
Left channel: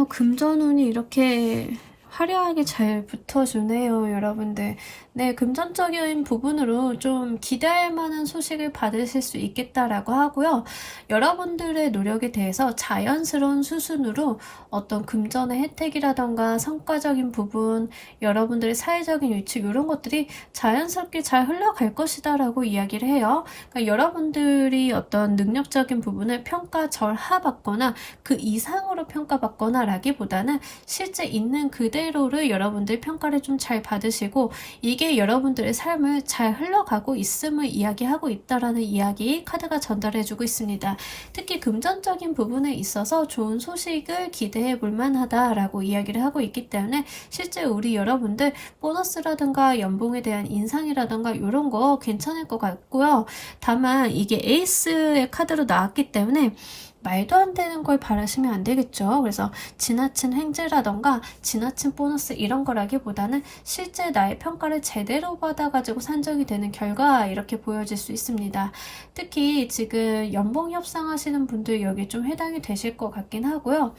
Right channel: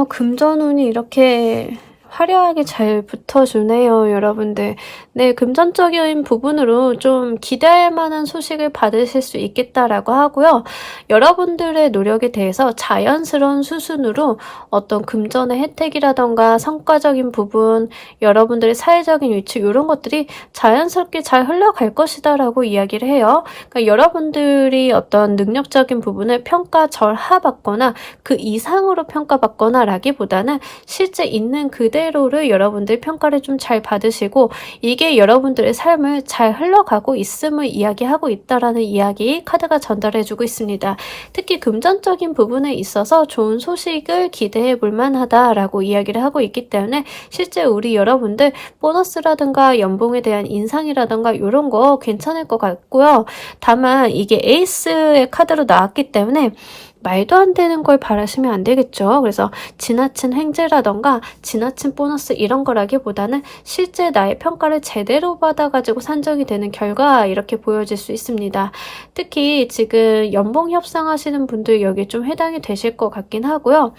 금전운이 이렇게 화려하게 잘 붙어주네요, 여러분들. 네, 금전적인 부분으로 좀 기대할 만한 소식을 받으실 수 있겠다라고 하고요. 여러분들의 노력에 대해서 자연스러운 수순으로 어떤 금전의 혜택이라던가 성과적인 부분, 여러분들의 사회적인 위치 이런 것들이 자연스럽게 잘 흘러갈 것이다라고 이야기를 해요. 그러니까 여러분들이 어떤 능력적인 부분을 평가절하받거나 그 이상으로 평가받거나 라기보다는 실제 있는 그대로를 여러분들 평가를 좀 잘 받으시고 이게 여러분들의 삶을 잘 흘러가고 있음을 이야기하고 있다라는 이야기 카드가 전달해주고 있습니다. 특히 금전적인 부분에 있어서 좋은 소식을 기대해 볼 만하다라고 이야기를 하고 있기 때문에 실제 우리 여러분들 보너스라든가 연봉에 대한 인상이라든가 이런 거 괜찮을 것 같고요. 다만 이게 에이스의 카드로 나왔기 때문에 말도 안 되는 걸 바라시면 안 되겠죠. 그래서 지나친 횡재라던가 지나친 보너스 이런 거라기보다는 실제 나의 평가를 제대로 받아가지고 산정이 되는 결과 이렇게 보여질 수 있습니다. 특히 지금 연봉 협상하시는 분들 여기 좀 해당이 되실 것 같긴 하고요.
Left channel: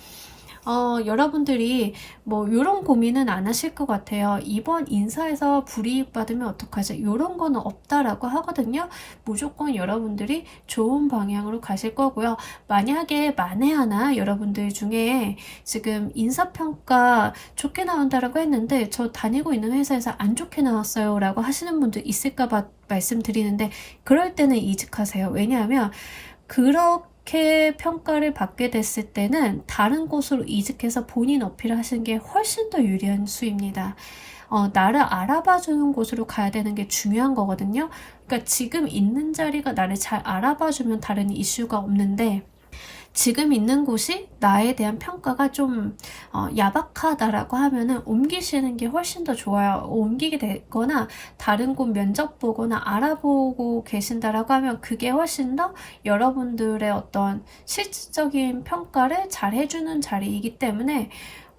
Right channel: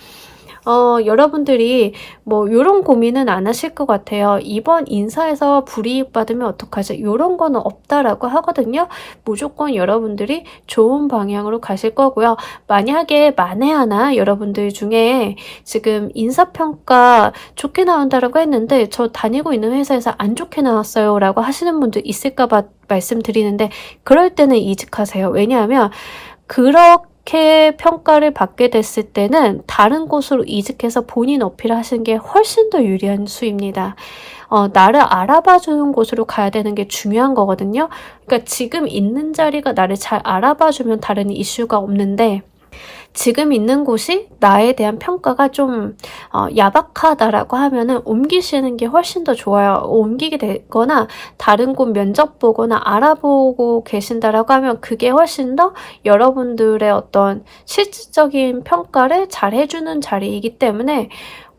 여러분들이 뭐 이런 고민은 안 하실 것 같아요. 이번 인사에서 불이익 받으면 어떡하지? 이런 거는 없다라고 하거든요. 무조건 여러분들이 좋은 방향으로 가실 거고요. 만약에 만에 하나 여러분들 중에 지금 인사평가 좋게 나온다라고 했는데 저 다니고 있는 회사에서 안 좋게 나왔어요 라고 하시는 분들 있을까 봐 말씀드리는데 그럴 때는 이직하세요. 왜냐하면 그렇게 평가를 받게 됐을 때는 다른 곳으로 이직해서 본인 어필을 하시는 게 훨씬 더 유리한 수입니다. 나를 알아봐주는 곳으로 가야 되는 게 중요한 거거든요. 그러니까 지금 있는 자리가 나를 잘 알아봐주면 다른 이슈가 없는데 지금 있는 곳이 나에 대한 평가가 좀 야박하다라고 하면은 옮기시는 게 훨씬 더 좋아요. 옮기게 되거나 다른 곳 면접 보거나 알아보고 계신다라고 하면 그게 훨씬 더 여러분들의 어떤 실질적인 평가를 잘 해주는 자리이기 때문에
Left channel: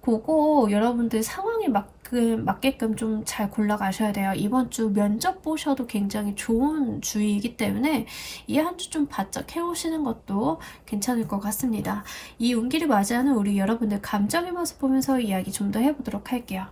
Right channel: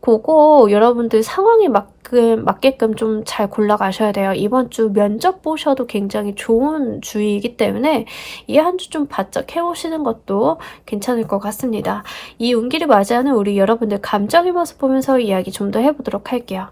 그거 여러분들 상황에 맞게끔 좀 잘 골라 가셔야 돼요. 이번 주 면접 보셔도 굉장히 좋은 주이기 때문에 이 한 주 좀 바짝 해오시는 것도 괜찮을 것 같습니다. 이 운기를 맞이하는 우리 여러분들 감정의 모습 보면서 이야기 좀 더 해보도록 할게요.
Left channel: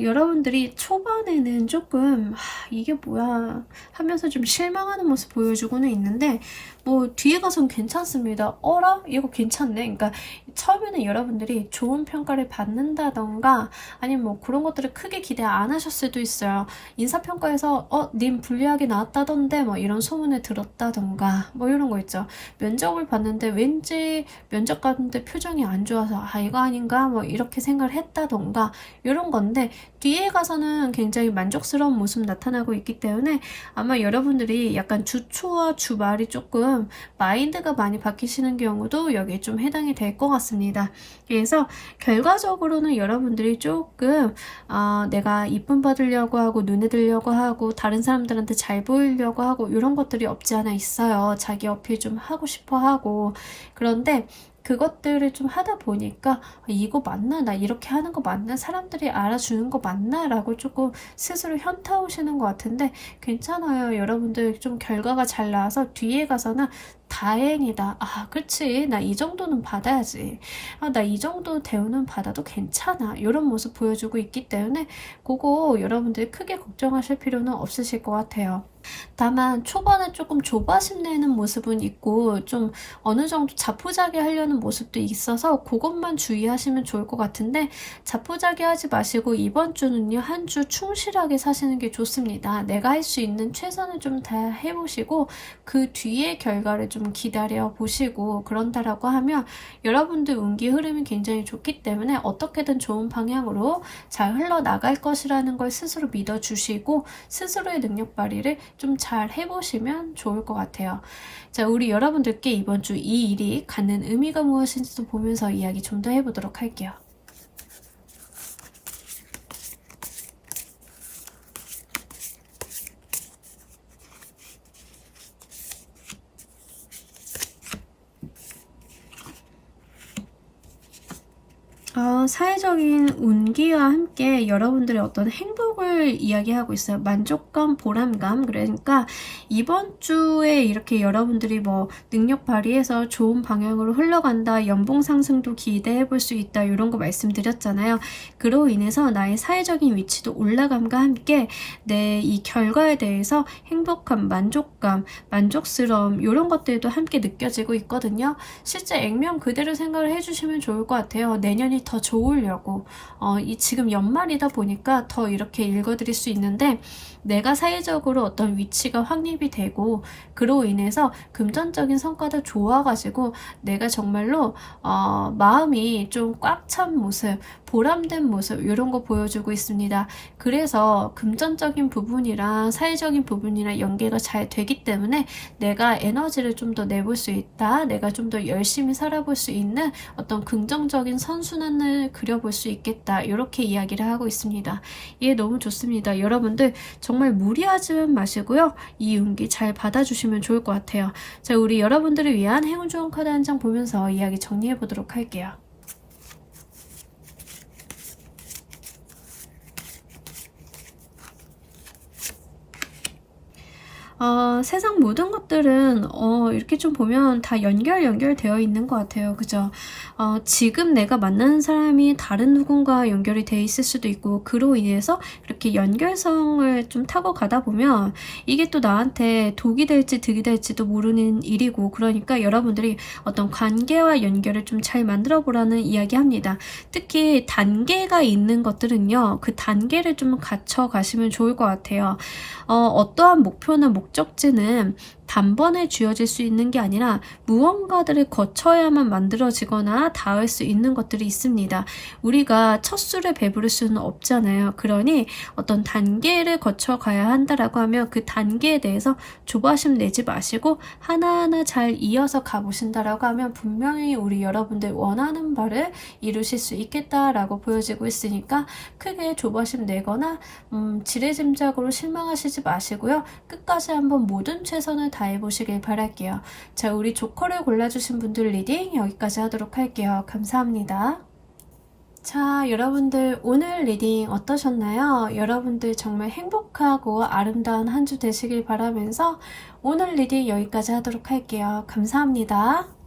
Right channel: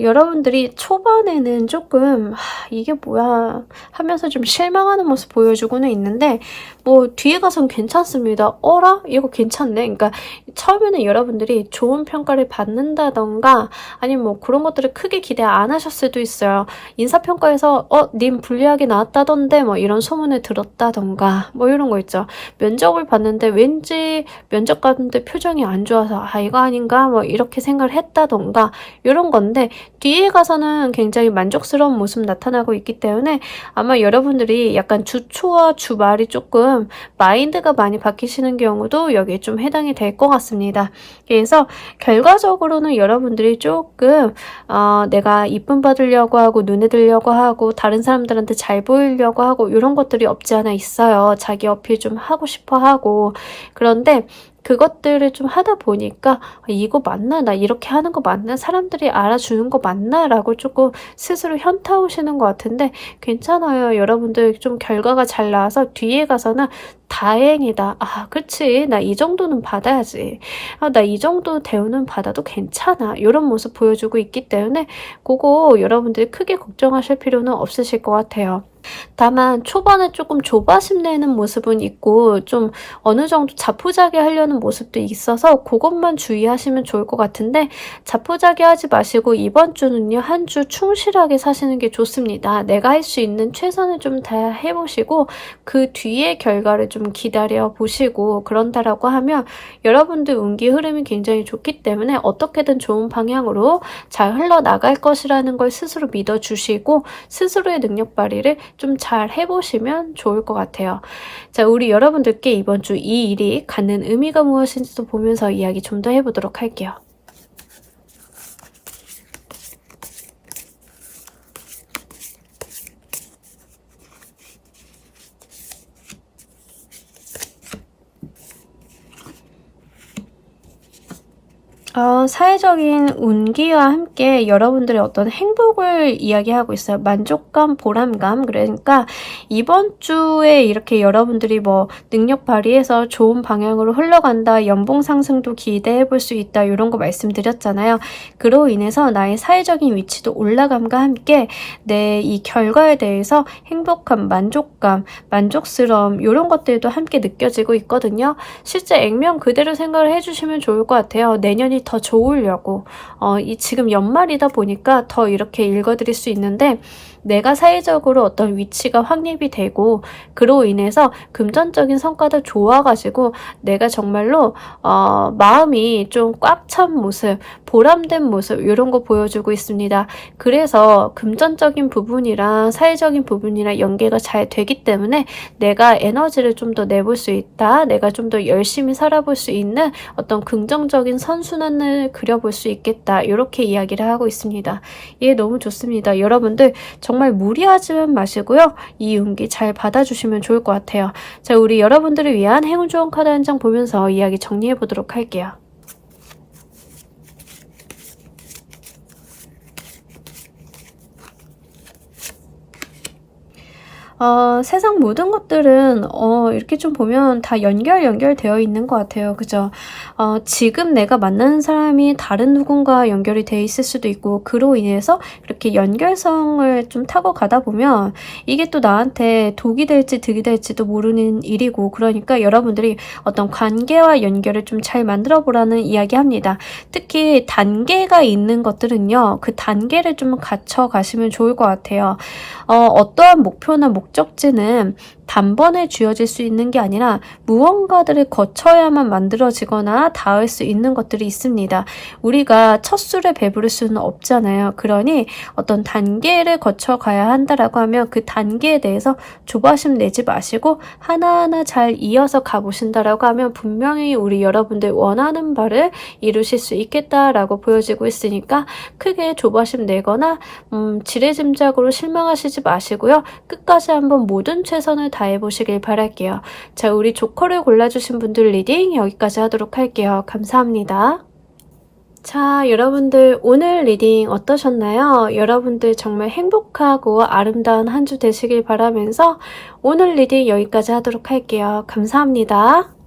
여러분들이 초반에는 조금 이게 뭐야 하면서 좀 실망하는 모습 보여주고는 있는데 뭐 뒤에 가선 괜찮습니다. 어라? 이거 괜찮네. 그러니까 처음에는 여러분들이 좋은 평가를 받는다던가 아니면 뭐 그런 것들을 크게 기대 안 하셨을 수도 있어요. 인사평가에서 님 불리하게 나왔다던데 뭐 이런 소문을 들었다던가 뭐 이런 거 있죠. 면접을 봤는데 왠지 면접 갔는데 표정이 안 좋아서 이거 아닌가 뭐 이렇게 생각을 했다던가 이런 건데 뒤에 가서는 굉장히 만족스러운 모습 나타나고 있기 때문에 아마 여러분들이 약간 주 초와 주 말이 조금 마인드가 많이 바뀌시는 경우도 여기에 좀 해당이 될 것 같습니다. 그래서 결과적으로는 여러분들이 조금 내가 이쁨 받으려고 하고 눈에 들려고 하고 다른 사람들한테 잘 보이려고 하고 이런 것들이 없지 않아 있어요. 자기 어필 좀 하고 싶어 하고 그런데 그것들을 좀 하다 보니까 이거 맞나? 나 이렇게 하는 거 맞나? 사람들이 알아주는 거 맞나? 라고 조금 스스로 현타 오시는 것 같은데 괜찮아요. 여러분들 좀 결과가 잘 나와서 뒤에 가서는 다행이다. 아, 그치. 나 이 정도는 받아야지. 아, 나 이 정도 대우는 받아도 괜찮아. 이런 모습 보여주고 있기 때문에 그거 여러분들이 크게 걱정하실 필요는 없으실 것 같아요. 다만 초반에 조금 조바심 내는 모습은 있고 좀 어느 정도 자포자기 하려는 모습도 있어서 그것만 주의하시면 좋을 것 같은데 자포자기 하지 마시고 이번 주는요 한 주 충실하게 사시는 게 좋습니다. 내가 할 수 있는 최선을 좀 다 해보시고 그 뒤에 결과를 좀 기다려 보시고 그런다라고 하면 여러분들 운기 흐름이 굉장히 좋기 때문에 어떻게든 좋은 방향으로 잘 흘러나갈 것이라는 걸 스스로 믿어주시고 스스로의 능력 발휘를 좀 잘 해보시면 좋을 것 같아요. 자, 우리 여러분들께 이번 주 이 일이 갖는 의미가 무엇인지도 보면서 이야기 좀 더 해보도록 할게요. 사회적인 운기와 함께 여러분들의 어떤 행복을 이야기하고 있어요. 만족감, 보람감. 그러니까 이번 주에 이렇게 여러분들이 뭐 능력 발휘해서 좋은 방향으로 흘러간다, 연봉 상승도 기대해 볼 수 있다, 이런 거 말씀드렸잖아요. 그로 인해서 나의 사회적인 위치도 올라감과 함께 내 이 결과에 대해서 행복감, 만족감, 만족스러움 이런 것들도 함께 느껴지고 있거든요. 실제 액면 그대로 생각을 해주시면 좋을 것 같아요. 내년이 더 좋으려고 지금 연말이다 보니까 더 이렇게 읽어드릴 수 있는데 내가 사회적으로 어떤 위치가 확립이 되고 그로 인해서 금전적인 성과도 좋아가지고 내가 정말로 마음이 좀 꽉 찬 모습, 보람된 모습 이런 거 보여주고 있습니다. 그래서 금전적인 부분이랑 사회적인 부분이랑 연계가 잘 되기 때문에 내가 에너지를 좀 더 내볼 수 있다. 내가 좀 더 열심히 살아볼 수 있는 어떤 긍정적인 선순환을 그려볼 수 있겠다. 이렇게 이야기를 하고 있습니다. 예, 너무 좋습니다. 여러분들 정말 무리하지만 마시고요. 이 운기 잘 받아주시면 좋을 것 같아요. 자, 우리 여러분들을 위한 행운 좋은 카드 한 장 보면서 이야기 정리해 보도록 할게요. 세상 모든 것들은 이렇게 좀 보면 다 연결되어 있는 것 같아요. 그죠? 지금 내가 만나는 사람이 다른 누군가 연결이 돼 있을 수도 있고 그로 인해서 이렇게 연결성을 좀 타고 가다 보면 이게 또 나한테 독이 될지 득이 될지도 모르는 일이고 그러니까 여러분들이 어떤 관계와 연결을 좀 잘 만들어 보라는 이야기합니다. 특히 단계가 있는 것들은요. 그 단계를 좀 갖춰 가시면 좋을 것 같아요. 어떠한 목표나 목적지는 단번에 주어질 수 있는 게 아니라 무언가들을 거쳐야만 만들어지거나 닿을 수 있는 것들이 있습니다. 우리가 첫 술에 배부를 수는 없잖아요. 그러니 어떤 단계를 거쳐가야 한다라고 하면 그 단계에 대해서 조바심 내지 마시고 하나하나 잘 이어서 가보신다라고 하면 분명히 우리 여러분들 원하는 바를 이루실 수 있겠다라고 보여지고 있으니까 크게 조바심 내거나 지레짐작으로 실망하시지 마시고요. 끝까지 한번 모든 최선을 다해보시길 바랄게요. 자, 우리 조커를 골라주신 분들 리딩 여기까지 하도록 할게요. 감사합니다. 자, 여러분들 오늘 리딩 어떠셨나요? 여러분들 정말 행복하고 아름다운 한 주 되시길 바라면서 오늘 리딩 여기까지 하도록 할게요. 감사합니다.